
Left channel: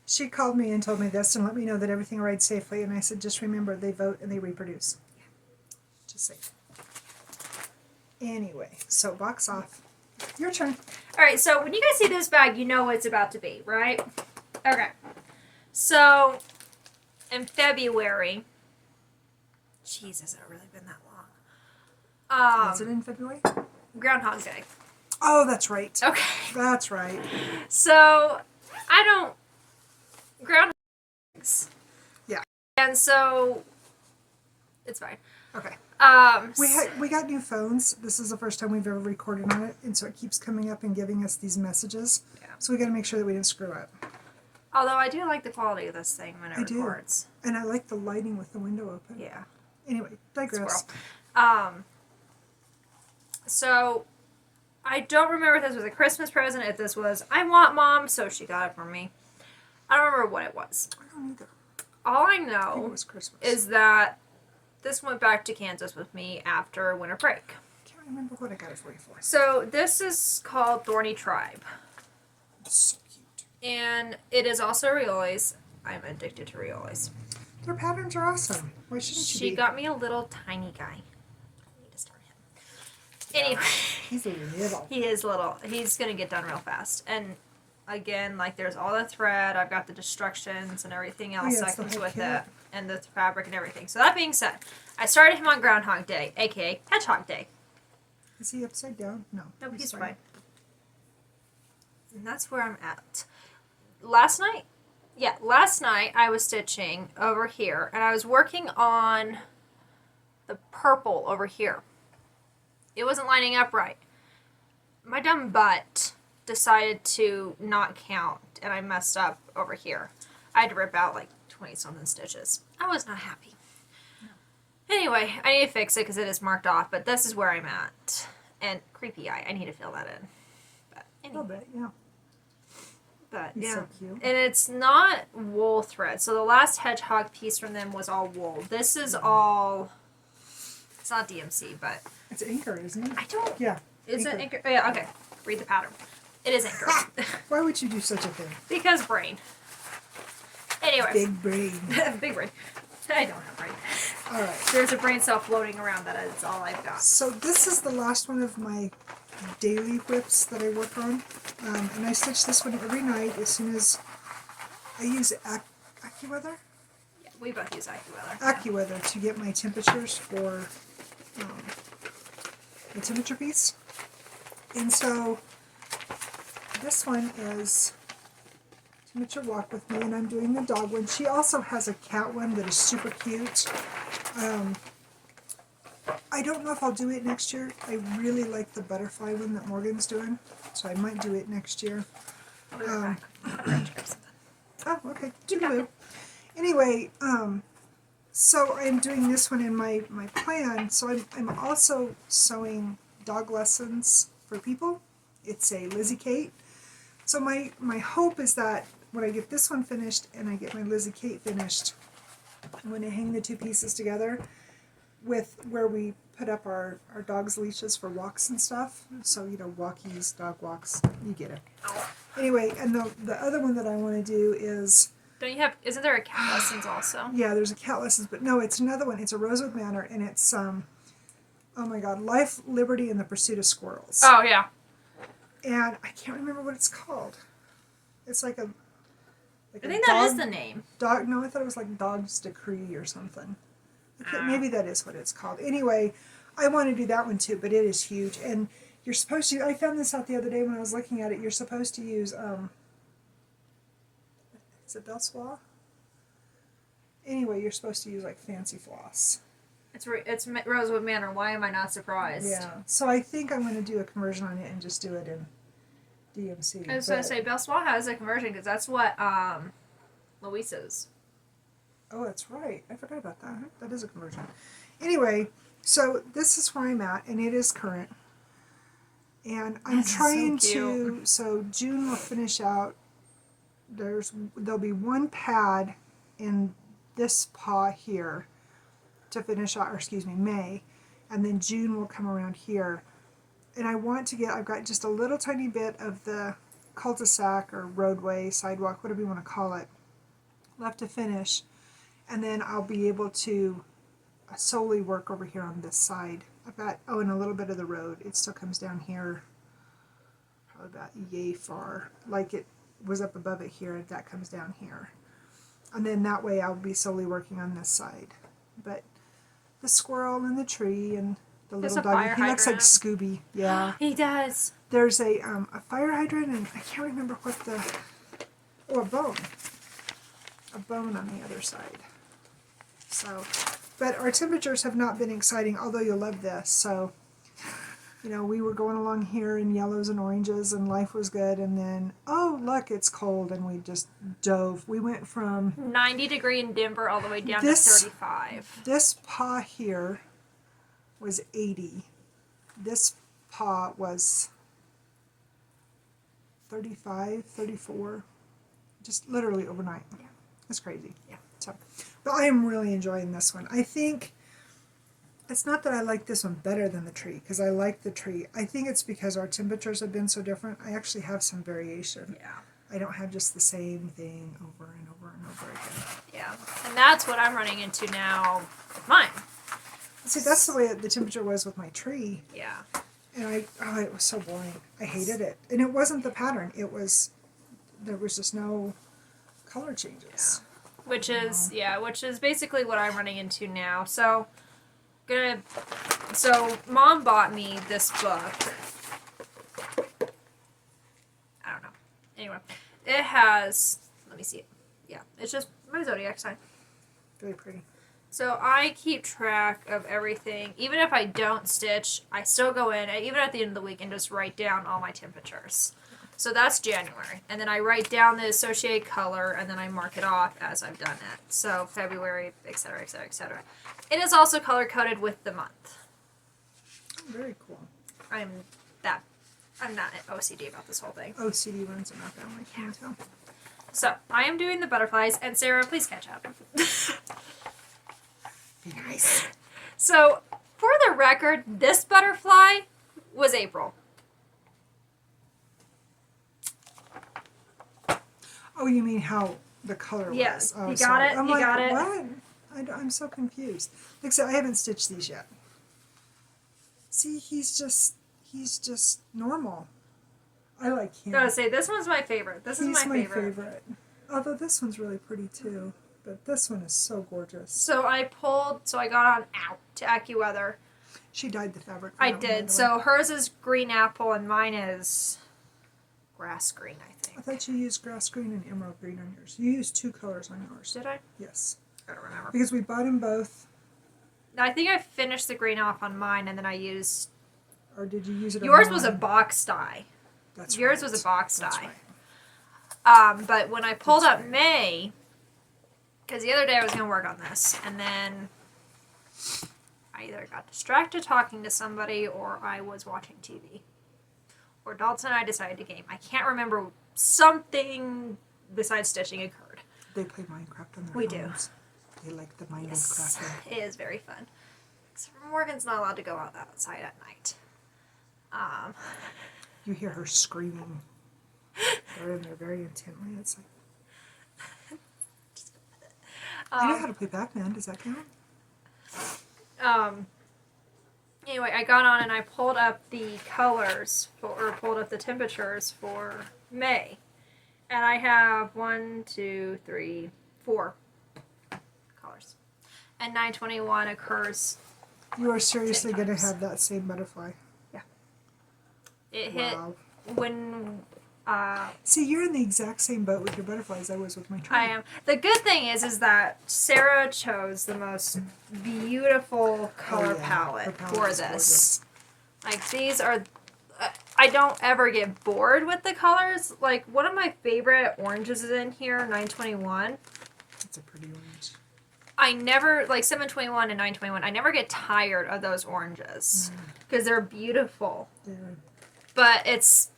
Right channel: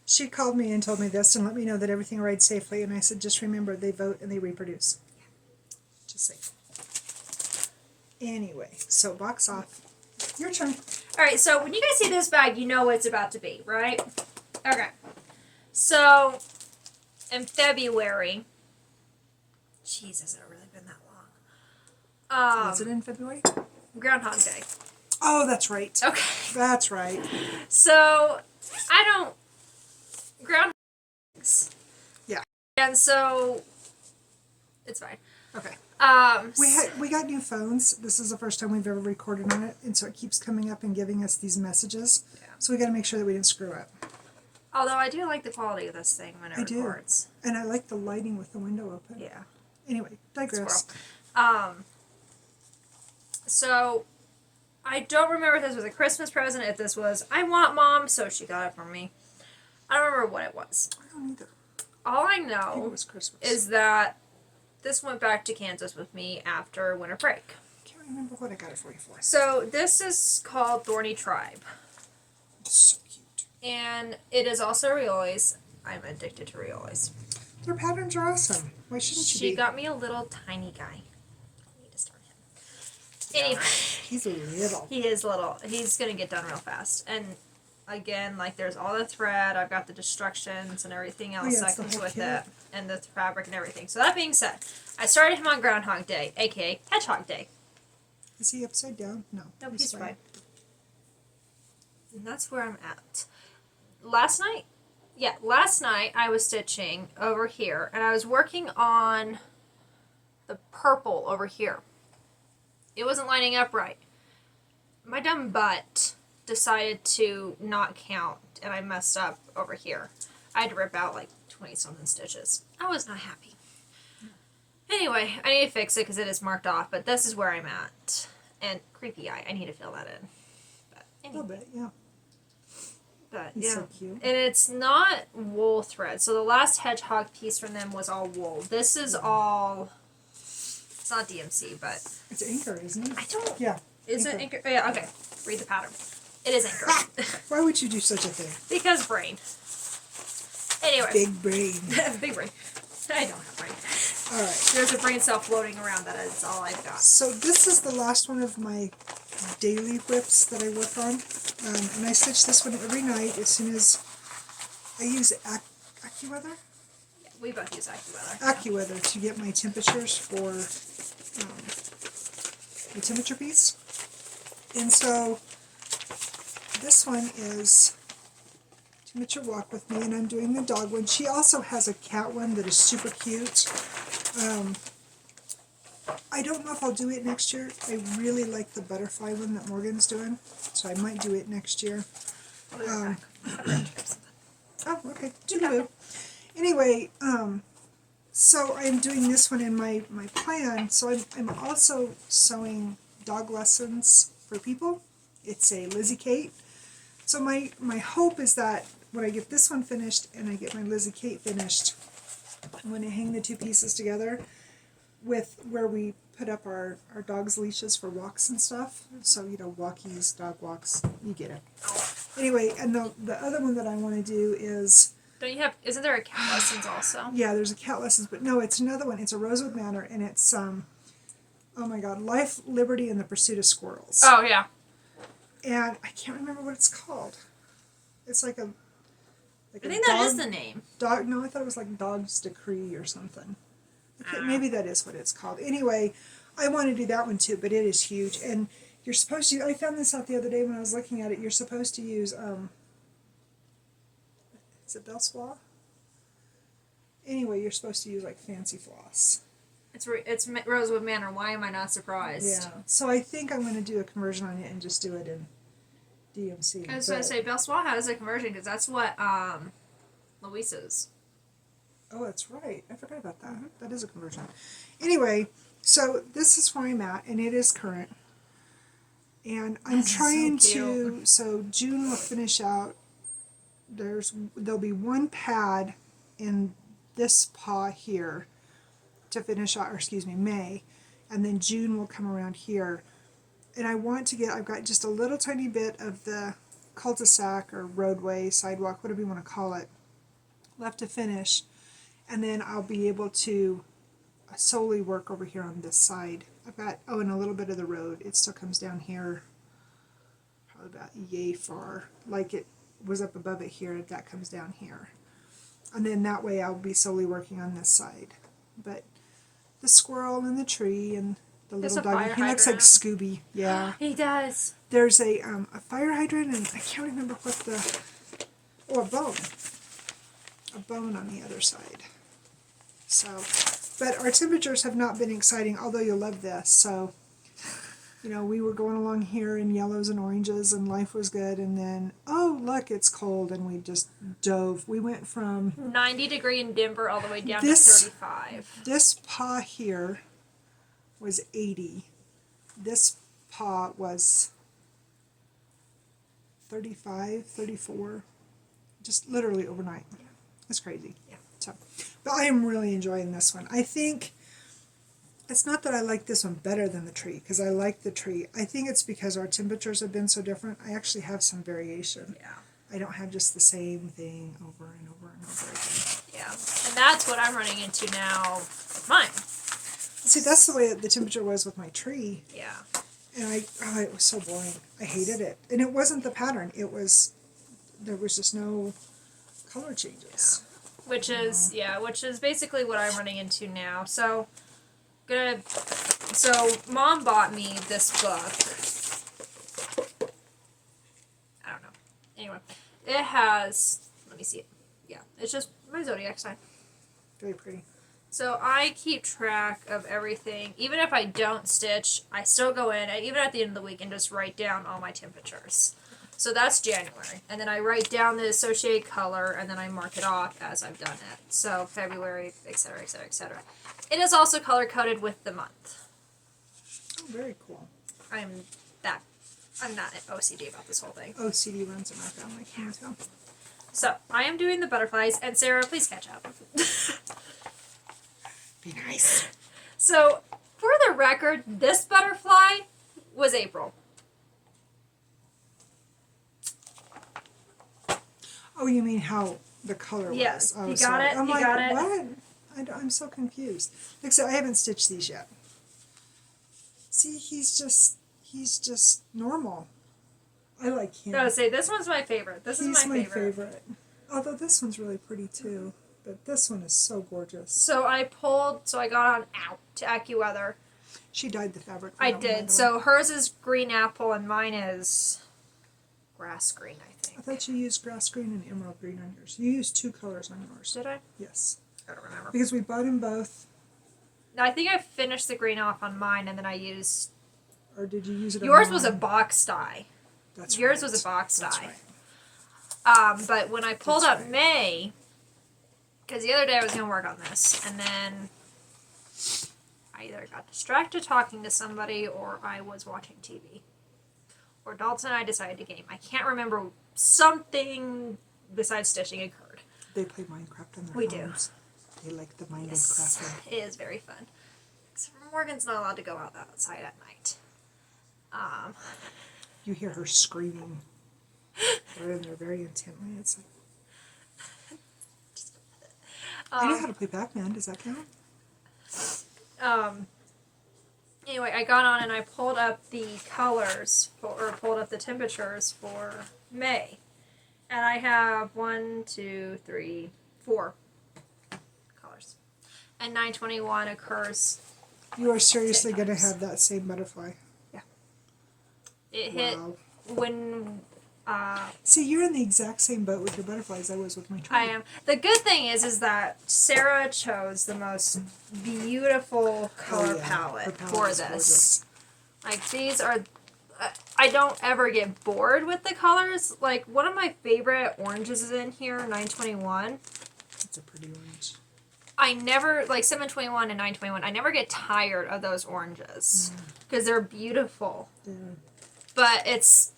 She called me and told me this and let me know that everything arrived safely. And I said, just remember, they vote and they reproduce. Just say. Anyway, so box off. Your turn. All right, so when you guys see this bag, you know what it's about to be, right? Okay. So, in February... Jesus, has it really been that long? Was it in February? Groundhog Day. Oh, that's right. Okay. That's right. So, Groundhog Days. Yeah. And so, it's fine. Okay. We We got new phones. This is the first time we've ever recorded on it, and so it keeps coming up and giving us these messages. Yeah. So we got to make sure that we didn't screw up. Although I do like the quality of this thing when it I do. records. And I like the lighting with the window open. Yeah. Anyway, digress. So, I don't remember if this was a Christmas present, if this was, I want Mom, so she got it for me. I don't remember what it was. I don't either. All I I think it know was Christmas. is that this went back to Kansas with me after winter break. I can't remember what I got it for you for. So, this is called Thorny Tribe. It's so cute. And it is also Riolis. I'm addicted to Riolis. Their patterns are awesome. Why shouldn't you She be? got me a little tiny guy. This Anyway. He's little. He is little. He's gonna get done real fast. And again, like there's all the thread. I've got the destructions and everything else yeah, that comes with kit. it, and the fabric and everything. So that being said, I started him on Groundhog Day, aka Hedgehog Day. Is he upside down? No. Nope, he's fine. And that's where I'm at. Last night I was stitching over here, and I was working on the purple over here. It wasn't lining up right. My dumb butt decided to not count, and I messed up over here. I had to rip out like 20-something stitches. I was not happy. Anyway, I need to fix it because it is marked off, but this is where I'm at. And creepy eye, I need to fill that in. But anyway. A little bit, yeah. But He's yeah, so cute. and it's not wool thread. So the last hedgehog piece from them was all wool. This is all. It's not DMC, but it's anchor, isn't it? I don't. Yeah. Is it anchor? Oh, yeah. Okay. Read the pattern. It is anchor. Why would you do such a thing? Because brain. Anyway. Big brain. Big brain. I don't have brain. All right. There's a brain cell floating around. That is all I've got. So this is the last one of my daily whips that I work on, and I stitch this one every night as soon as I use AccuWeather. Yeah, we both use AccuWeather. AccuWeather to get my temperatures for the temperature piece, and so this one is Temperature Walk with Me, and I'm doing the dog one. She also has a cat one that is super cute. I don't know if I'll do it next year. I really like the butterfly one that Morgan's doing, so I might do it next year. Oh, okay. Toodaloo. Anyway, so I'm doing this one in my plan. So I'm also sewing dog lessons for people. It's a Lizzie Kate. So my hope is that when I get this one finished and I get my Lizzie Kate finished, I'm going to hang the two pieces together with where we put up our dog's leashes for walks and stuff. So, you know, walkies, dog walks, you get it. Anyway, and the other one that I want to do is... Don't you have... Isn't there a cat lessons also? Yeah, there's a cat lessons, but no, it's another one. It's a Rosewood Manor, and it's, oh my God, Life, Liberty, and the Pursuit of Squirrels. Oh, yeah. And I can't remember what it's called. It's like a... I think that is the name. Dog. No, I thought it was like Dog's Decree or something. Maybe that is what it's called. Anyway, I want to do that one too, but it is huge. And you're supposed to... I found this out the other day when I was looking at it. You're supposed to use... is it Belswa? Anyway, you're supposed to use like fancy floss. It's Rosewood Manor. Why am I not surprised? Yeah. So I think I'm going to do a conversion on it and just do it in DMC. I was going to say, Belswa has a conversion because that's what Luisa's. Oh, that's right. I forgot about that. That is a conversion. Anyway, so this is where I'm at, and it is current. And I'm trying to... So June will finish out. There'll be one pad in this paw here to finish out, or excuse me, May, and then June will come around here. And I want to get... I've got just a little tiny bit of the cul-de-sac or roadway, sidewalk, whatever you want to call it, left to finish. And then I'll be able to solely work over here on this side. I've got, and a little bit of the road. It still comes down here, probably about yay far. Like it was up above it here, that comes down here. And then that way I'll be solely working on this side. But the squirrel and the tree and the little dog, he looks like Scooby. Yeah. He does. There's a fire hydrant, and I can't remember what the... Oh, a bone. A bone on the other side. So, but our temperatures have not been exciting, although you'll love this. So, you know, we were going along here in yellows and oranges, and life was good, and then, oh, look, it's cold, and we just dove. We went from 90 degree in Denver all the way down to 35. This paw here was 80. This paw was 35, 34, just literally overnight. It's crazy. Yeah. So, but I am really enjoying this one. I think it's not that I like this one better than the tree, because I like the tree. I think it's because our temperatures have been so different. I actually have some variation. Yeah. I don't have just the same thing over and over and over again. Yeah. And that's what I'm running into now with mine. See, that's the way the temperature was with my tree. Yeah. And it was so boring. I hated it. And it wasn't the pattern. There was just no color changes. Which is basically what I'm running into now. So Mom bought me this book. I don't know. Anyway, it has, let me see it. Yeah, it's just my zodiac sign. Very pretty. So I keep track of everything. Even if I don't stitch, I still go in, even at the end of the week, and just write down all my temperatures. So that's January. And then I write down the associated color, and then I mark it off as I've done it. So February, etc., etc., etc. It is also color-coded with the month. Oh, very cool. I'm not OCD about this whole thing. OCD runs in my family. Can you tell? So, I am doing the butterflies, and Sarah, please catch up. Be nice. So, for the record, this butterfly was April. Oh, you mean how the color Yes, was? Oh, you got sorry. it. I'm You like, got it. what? I'm so confused. Except I haven't stitched these yet. See, he's just normal. I like him. I would say this one's my favorite. This is my favorite. Although this one's really pretty too. But this one is so gorgeous. So I got on out to AccuWeather. She dyed the fabric. I did. So hers is green apple and mine is grass green, I think. I thought you used grass green and emerald green on yours. You used 2 colors on yours. Did I? Yes. I don't remember. Because we bought them both. I think I finished the green off on mine and then I used... Or did you use it on yours mine? was a box dye. That's Yours right. was a box That's dye. right. But when I pulled up May, because the other day I was going to work on this, and then I either got distracted talking to somebody or I was watching TV. Or Dalton and I decided to game. I can't remember, something besides stitching occurred. They play Minecraft on their We phones. They like the Minecraft. It is very fun. Except for Morgan's not allowed to go outside at night. You hear her screaming. They're in there very intently. It's like... I know how to play Pac-Man. Does that count? Anyway, I got on and I pulled up the colors, or pulled up the temperatures for May. And I have 1, 2, 3, 4 colors. And 921 occurs. You are seriously 10 going to times. have that same butterfly. Yeah. It Wow. hit when... See, you're in the exact same boat with your butterflies I was with my tree. I am. The good thing is that Sarah chose the most beautiful color Her palette palette for is this. gorgeous. Like, these are... I don't ever get bored with the colors. Like, one of my favorite oranges is in here, 921. It's a pretty orange. I never, like 721 and 921, I never get tired of those oranges. Because they're beautiful. Yeah. But it's...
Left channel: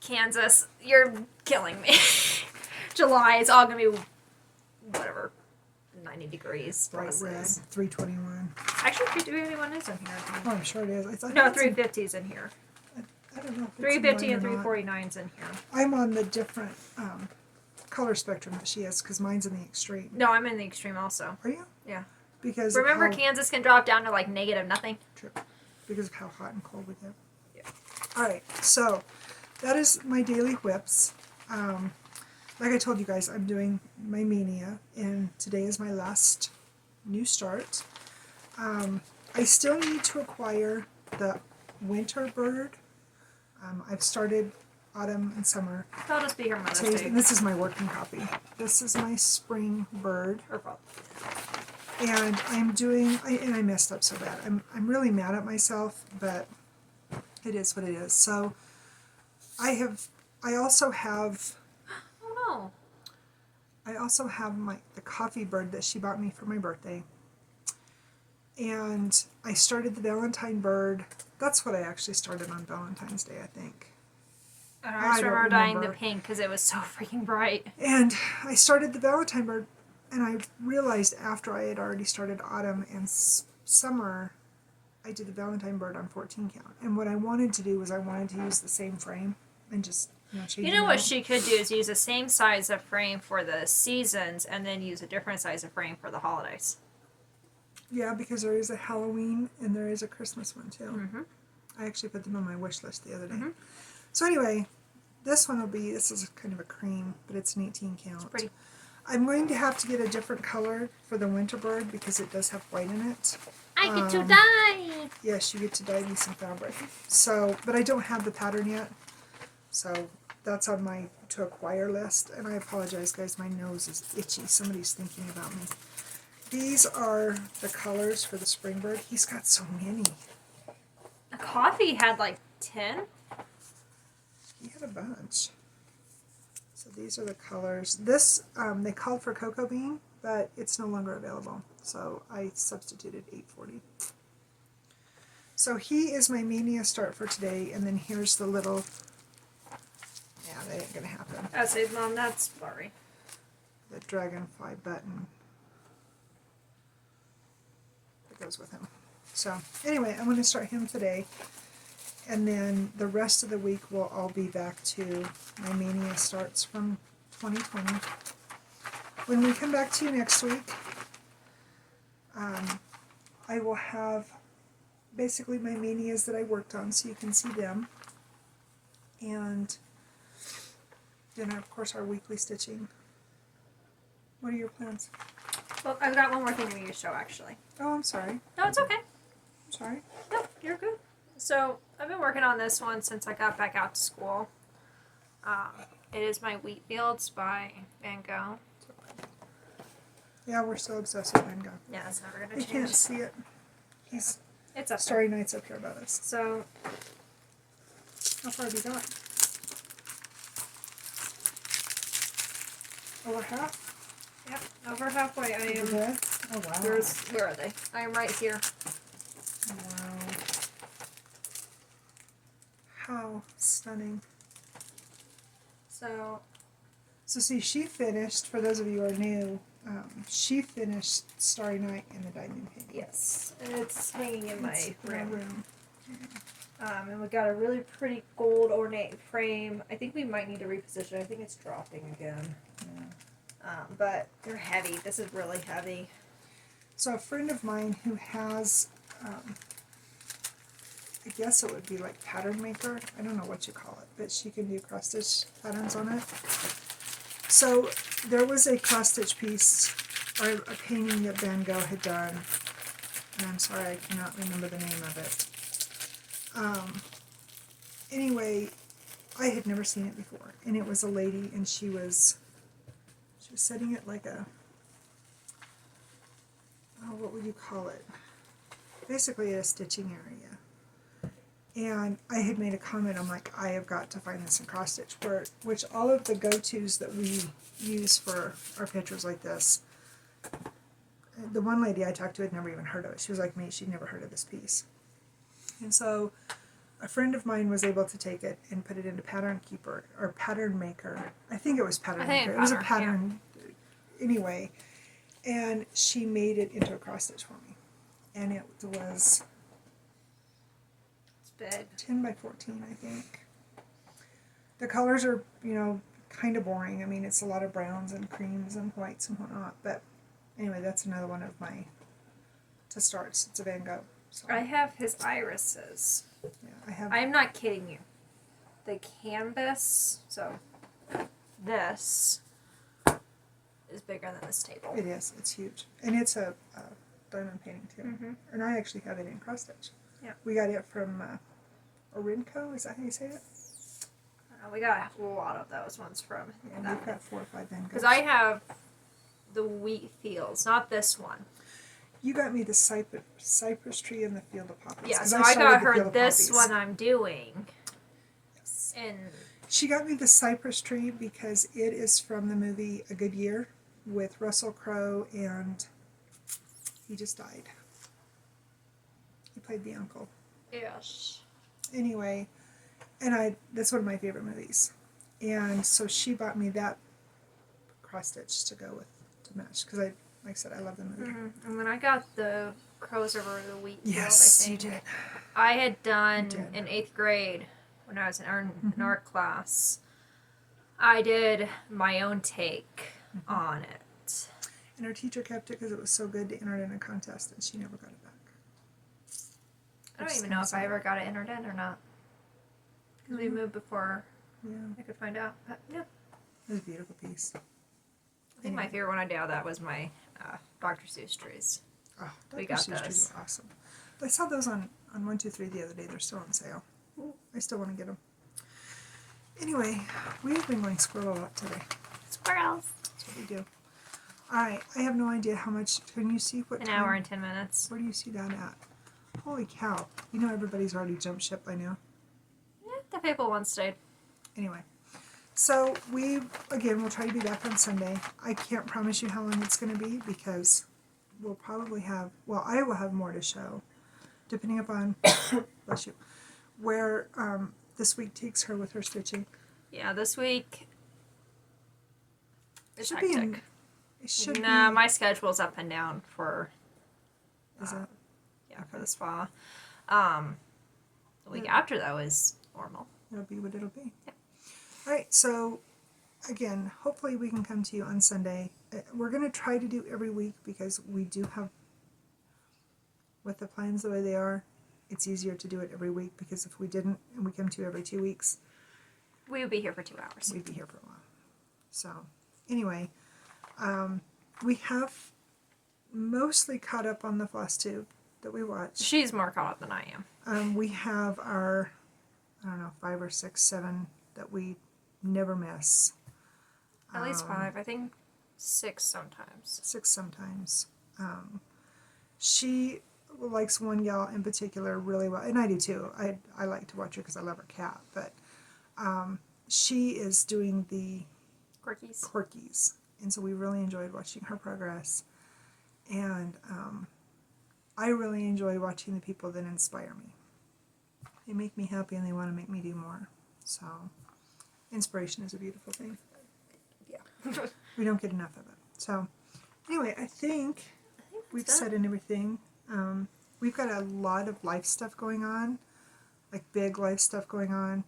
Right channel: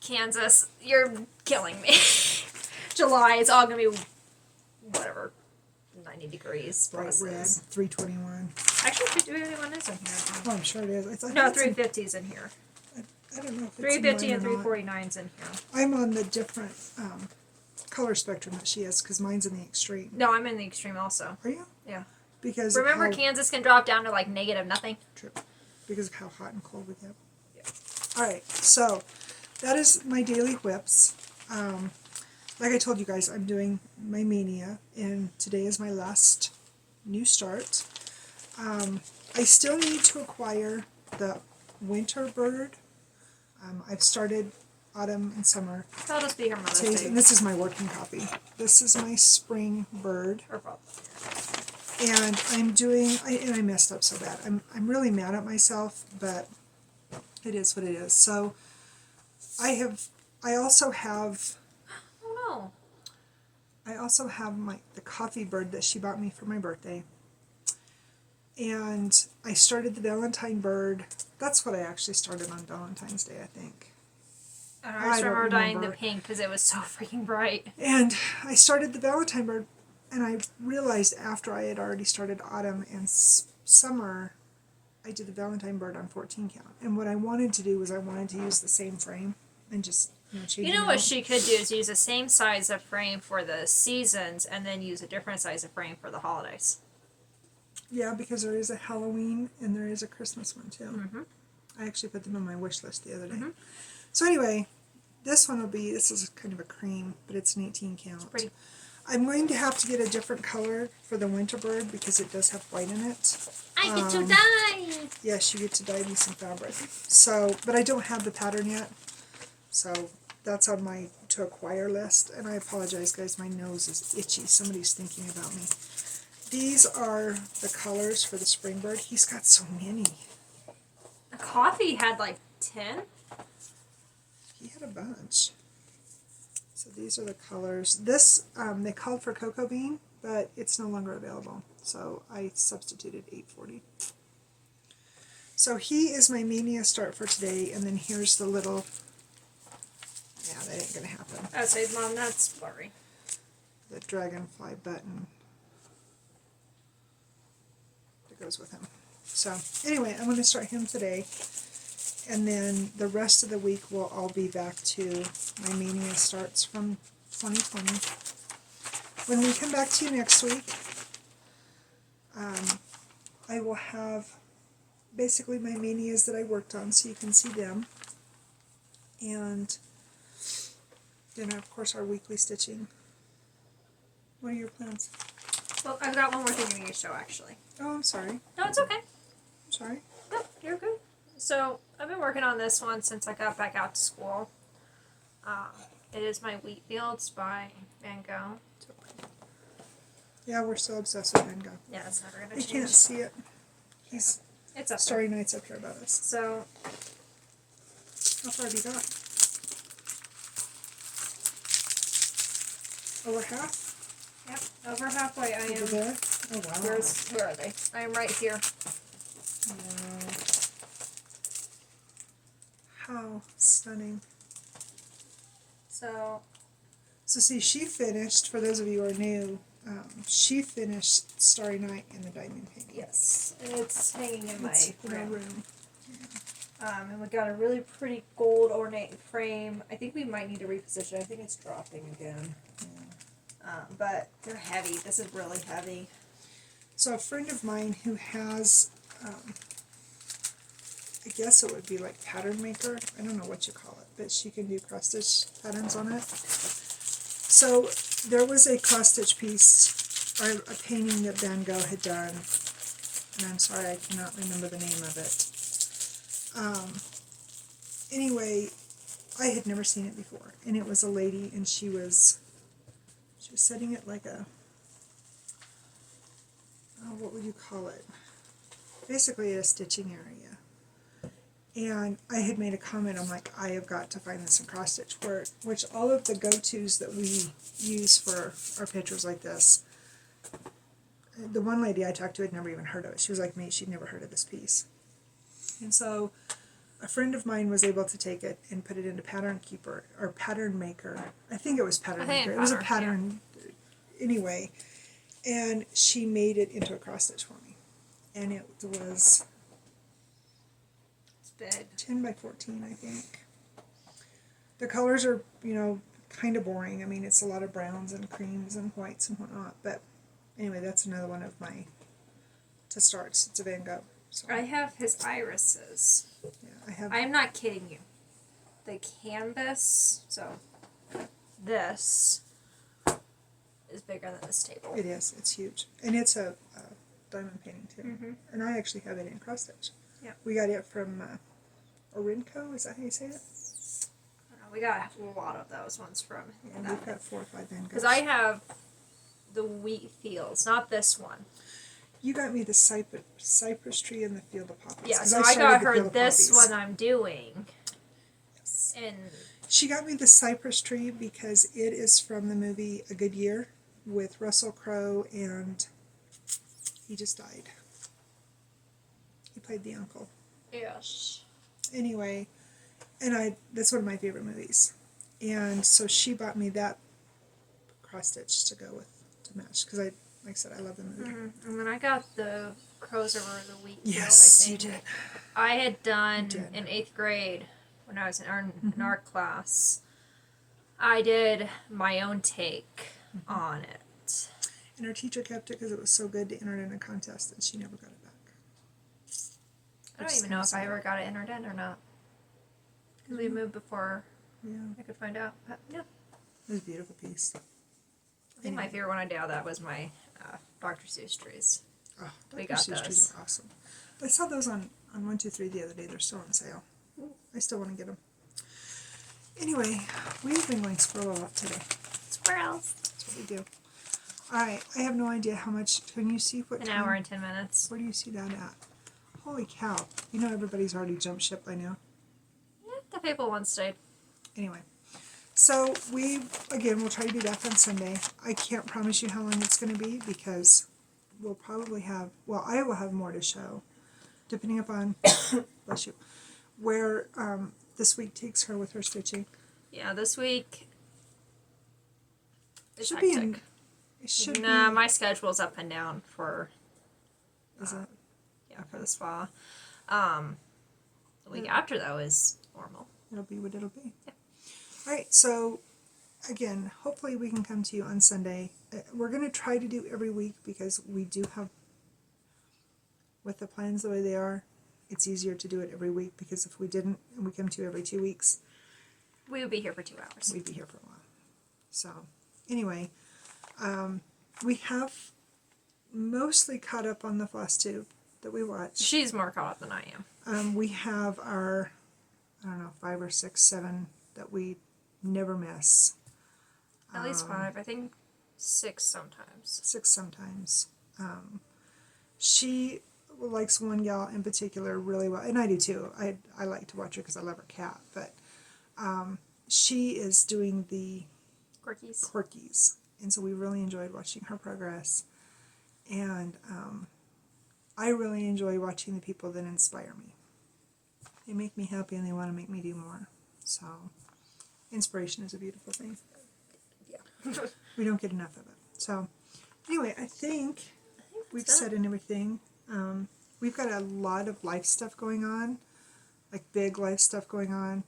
Kansas, you're killing me. July, it's all going to be, whatever, 90 degrees. Bright plus red, this. 321. Actually, 321 is in here. Oh, I'm sure it is. No, 350 is in here. I don't know if it's 350 in and mine or not. 349 is in here. I'm on the different color spectrum that she is because mine's in the extreme. No, I'm in the extreme also. Are you? Yeah. Because Remember, of how, Kansas can drop down to like negative nothing? True. Because of how hot and cold we get. Yeah. All right, so that is my daily whips. Like I told you guys, I'm doing my mania, and today is my last new start. I still need to acquire the winter bird. I've started autumn and summer. That'll just be here Mother's Today's, Day. and this is my working copy. This is my spring bird. Or fall. And I'm doing, and I messed up so bad. I'm really mad at myself, but it is what it is. So I also have Oh the coffee bird that she bought me for my birthday. And I started the Valentine bird. That's what I actually started on Valentine's Day, I think. no. I just I don't remember dyeing the remember. pink because it was so freaking bright. And I started the Valentine bird, and I realized after I had already started autumn and summer, I did the Valentine bird on 14 count. And what I wanted to do was I wanted to use the same frame and just, change You it know what out. she could do is use the same size of frame for the seasons and then use a different size of frame for the holidays. Yeah, because there is a Halloween and there is a Christmas one too. Mm-hmm. I actually put them on my wish list the other day. Mm-hmm. So anyway, this one will be, this is kind of a cream, but it's an 18 count. It's pretty. I'm going to have to get a different color for the winter bird because it does have white in it. I get to dye! Yes, you get to dye me some fabric. So, but I don't have the pattern yet. So that's on my to acquire list. And I apologize, guys, my nose is itchy. Somebody's thinking about me. These are the colors for the spring bird. He's got so many. The coffee had like 10. He had a bunch. So these are the colors. This, they called for cocoa bean, but it's no longer available. So I substituted 840. So he is my mania start for today, and then here's the little, yeah, that ain't gonna happen. I say, Mom, that's blurry. The dragonfly button that goes with him. So anyway, I'm gonna start him today. And then the rest of the week will all be back to my mania starts from 2020. When we come back to you next week, I will have basically my manias that I worked on so you can see them. And then, of course, our weekly stitching. What are your plans? Well, I've got one more thing in your show, actually. Oh, I'm sorry. No, it's okay. I'm sorry. No, you're good. So, I've been working on this one since I got back out to school. It is my Wheat Fields by Van Gogh. Yeah, we're still obsessed with Van Gogh. Yeah, it's never going to You change. can't see it. He's It's up there. Starry Night's up here above us. So, How far have you got? Over half? yep, over halfway. I Over am. there? Oh, wow. Where are they? I am right here. Wow. How stunning. So, So see, she finished, for those of you who are new, she finished Starry Night in the diamond painting. yes. And it's hanging in my It's in our room. room. And we got a really pretty gold ornate frame. I think we might need to reposition it. I think it's dropping again. But they're heavy. This is really heavy. So a friend of mine who has, I guess it would be like pattern maker. I don't know what you call it, but she can do cross stitch patterns on it. So there was a cross stitch piece, or a painting that Van Gogh had done, and I'm sorry I cannot remember the name of it. Anyway, I had never seen it before, and it was a lady, and she was setting it like a, oh, what would you call it? Basically a stitching area. And I had made a comment, I'm like, I have got to find this in cross stitch, which all of the go-tos that we use for our pictures like this, the one lady I talked to had never even heard of it. She was like me, she'd never heard of this piece. And so a friend of mine was able to take it and put it into Pattern Keeper, or Pattern Maker. I think it was Pattern Maker. It was a pattern, anyway. And she made it into a cross stitch for me. And it was Big. 10 by 14, I think. The colors are, kind of boring. I mean, it's a lot of browns and creams and whites and whatnot. But anyway, that's another one of my to starts. It's a Van Gogh. So, I have his irises. yeah, I have. I am not kidding you. The canvas, so this is bigger than this table. It is. It's huge, and it's a diamond painting too. Mm-hmm. And I actually have it in cross stitch. Yeah. We got it from Orinco. Is that how you say it? We got a lot of those ones from And that. we've got 4 or 5 Van Goghs. Because I have the Wheat Fields, not this one. You got me the cypress tree and the field of poppies. Yeah, 'cause so I started got the her Field of this Poppies. one I'm doing. Yes. And She got me the cypress tree because it is from the movie A Good Year with Russell Crowe, and he just died. He played the uncle. yes. Anyway, and that's one of my favorite movies. And so she bought me that cross stitch to go with, to match, because like I said, I love the movie. Mm-hmm. And then I got the Crows Over the Wheat Field, Yes, I think. you did. I had done You did. in 8th grade when I was in art class. I did my own take on it. And our teacher kept it because it was so good to enter it in a contest, and she never got it back. I don't even know if I ever got it entered in or not. Because we moved before I could find out. But yeah. It was a beautiful piece. I think my favorite one I did out of that was my Dr. Seuss trees. Oh, We got Seuss trees those. are awesome. But I saw those on 123 the other day. They're still on sale. I still want to get them. Anyway, we've been going squirrel a lot today. Squirrels. That's what we do. Alright, I have no idea how much. Can you see what An time? hour and 10 minutes. Where do you see that at? Holy cow. You know everybody's already jumped ship by now. Yeah, the faithful one stayed. Anyway. So we'll try to be back on Sunday. I can't promise you how long it's going to be because we'll probably have, I will have more to show, depending upon, bless you, where this week takes her with her stitching. Yeah, this week it's Should hectic. be it should Nah, be. my schedule's up and down for Is it? yeah, for the spa. The week after though is normal. It'll be what it'll be. Yeah. All right, so again, hopefully we can come to you on Sunday. We're going to try to do every week because we do have, with the plans the way they are, it's easier to do it every week because if we didn't and we come to you every 2 weeks, We would be here for 2 hours. we'd be here for a while. So anyway, we have mostly caught up on the Flosstube that we watched. She's more caught up than I am. We have our, 5 or 6, 7 that we never miss. At least 5. I think 6 sometimes. 6 sometimes. She likes one gal in particular really well, and I do too. I like to watch her because I love her cat, but she is doing the quirkies, and so we really enjoyed watching her progress, and I really enjoy watching the people that inspire me. They make me happy and they want to make me do more. So inspiration is a beautiful thing. Yeah. We don't get enough of it. So anyway, I think we've said in everything. We've got a lot of life stuff going on, like big life stuff going on.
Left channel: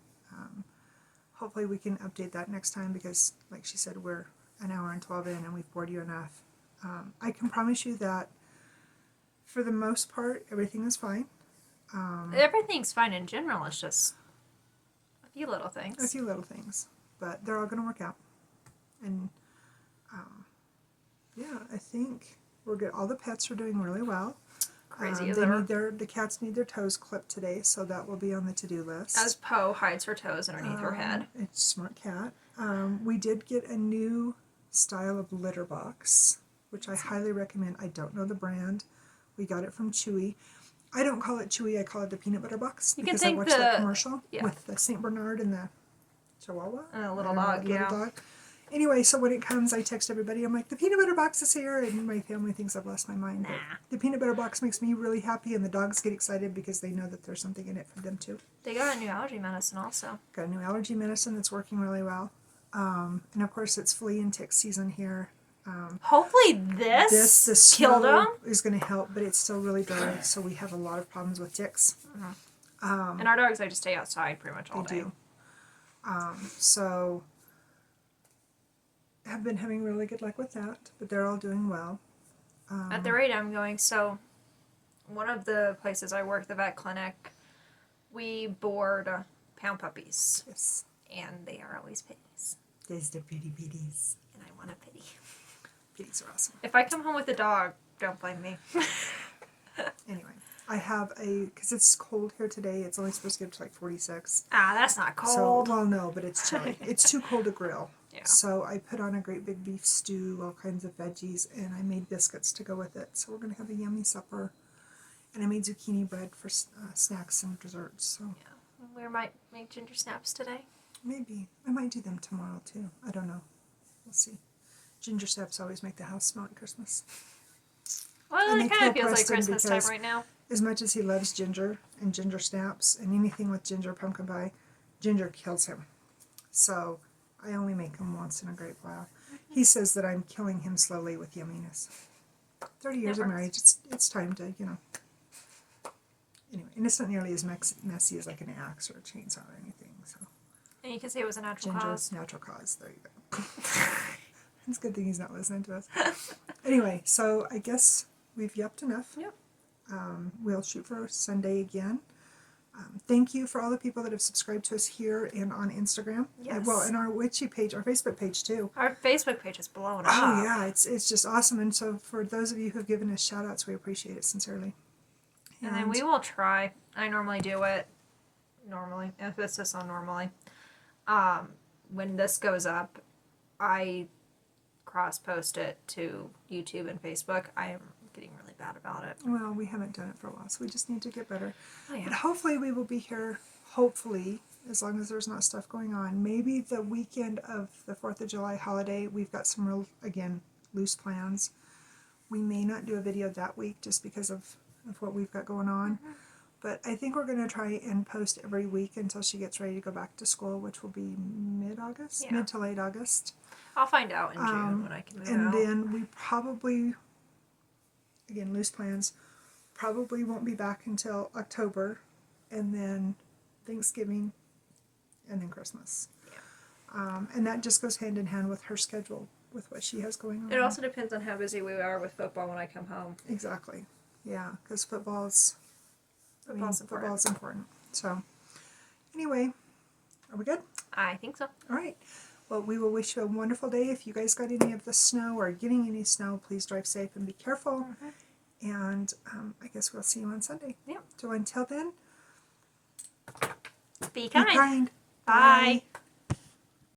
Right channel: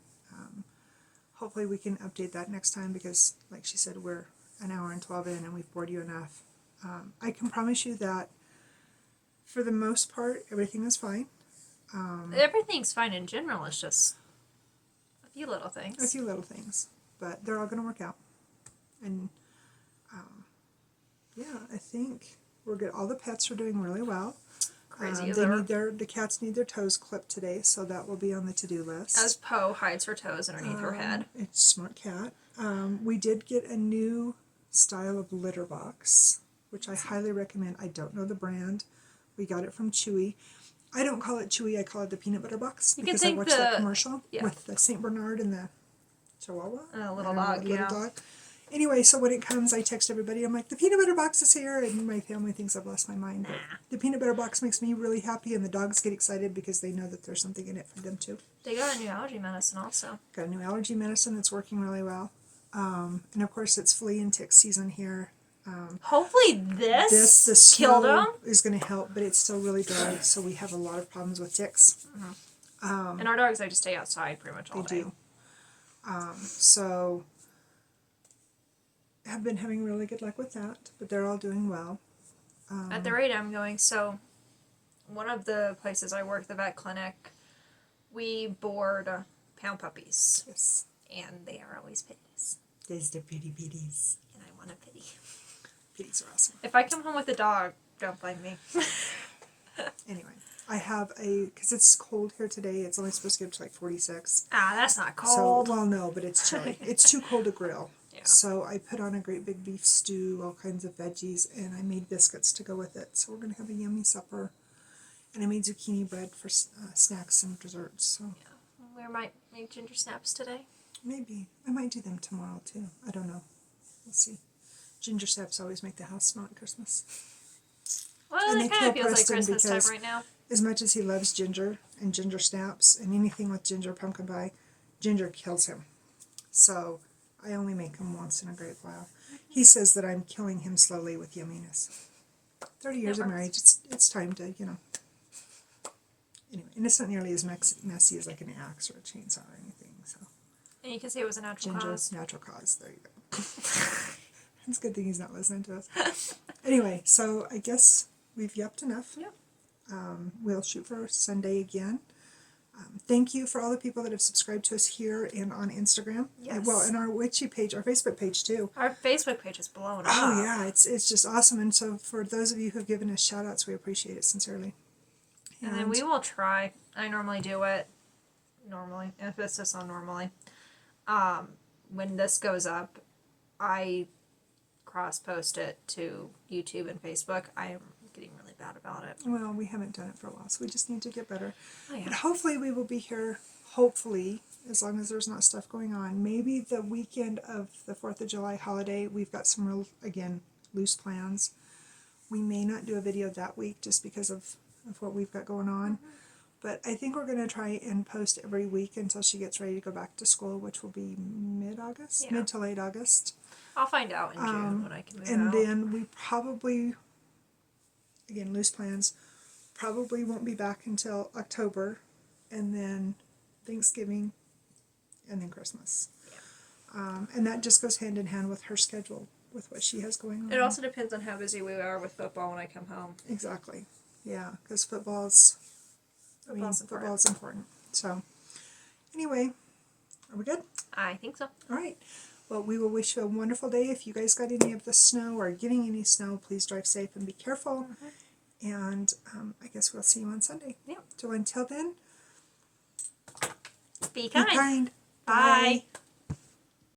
Hopefully we can update that next time because, like she said, we're an hour and 12 in and we've bored you enough. I can promise you that for the most part, everything is fine. Everything's fine in general. It's just a few little things. A few little things, but they're all going to work out. And yeah, I think we're good. All the pets are doing really well. Crazy. The cats need their toes clipped today, so that will be on the to-do list. As Poe hides her toes underneath her head. It's a smart cat. We did get a new style of litter box, which I highly recommend. I don't know the brand. We got it from Chewy. I don't call it Chewy, I call it the peanut butter box because I watched that commercial with the St. Bernard and the Chihuahua. And a little dog, dog. Anyway, so when it comes, I text everybody. I'm like, the peanut butter box is here, and my family thinks I've lost my mind. But the peanut butter box makes me really happy, and the dogs get excited because they know that there's something in it for them too. They got a new allergy medicine also. Got a new allergy medicine that's working really well. And of course, it's flea and tick season here. Hopefully the snow killed them. is going to help, but it's still really dry, so we have a lot of problems with ticks. And our dogs like to stay outside pretty much all day. They do. So have been having really good luck with that, but they're all doing well. At the rate I'm going, so one of the places I work, the vet clinic, we board pound puppies. Yes. And they are always pitties. There's the pitty pitties. And I want a pitty. Pitties are awesome. If I come home with a dog, don't blame me. Anyway, I have because it's cold here today, it's only supposed to get to like 46. Ah, that's not cold. So, well, no, but it's chilly. It's too cold to grill. Yeah. So I put on a great big beef stew, all kinds of veggies, and I made biscuits to go with it. So we're going to have a yummy supper. And I made zucchini bread for snacks and desserts. So We might make ginger snaps today. maybe. I might do them tomorrow, too. I don't know. We'll see. Ginger snaps always make the house smell at Christmas. Well, And it they kind of kill feels like Preston Christmas time because right now. As much as he loves ginger and ginger snaps and anything with ginger pumpkin pie, ginger kills him. So I only make him once in a great while. He says that I'm killing him slowly with yumminess. 30 years of marriage, it's time to, Anyway, and it's not nearly as messy as like an axe or a chainsaw or anything. So And you can say it was a natural ginger, cause. natural cause. There you go. It's a good thing he's not listening to us. Anyway, so I guess we've yapped enough. Yep. We'll shoot for Sunday again. Thank you for all the people that have subscribed to us here and on Instagram. Yes. Well, and our Witchy page, our Facebook page too. Our Facebook page is blowing up. Oh yeah, it's just awesome. And so for those of you who have given us shout outs, we appreciate it sincerely. And then we will try. I normally do it. Normally. Emphasis on normally. When this goes up, I cross post it to YouTube and Facebook. I am getting really bad about it. Well, we haven't done it for a while, so we just need to get better. Oh, yeah. But hopefully we will be here, hopefully, as long as there's not stuff going on. Maybe the weekend of the 4th of July holiday, we've got some real, again, loose plans. We may not do a video that week just because of what we've got going on. Mm-hmm. But I think we're going to try and post every week until she gets ready to go back to school, which will be mid-August, Yeah. mid to late August. I'll find out in June when I can move And out. then we probably, again, loose plans, probably won't be back until October, and then Thanksgiving, and then Christmas. And that just goes hand in hand with her schedule, with what she has going on. It also depends on how busy we are with football when I come home. Exactly. Yeah, because football's important. So, anyway, are we good? I think so. All right. Well, we will wish you a wonderful day. If you guys got any of the snow or getting any snow, please drive safe and be careful. Mm-hmm. And I guess we'll see you on Sunday. Yep. So until then, Be be kind. kind. Bye. Bye.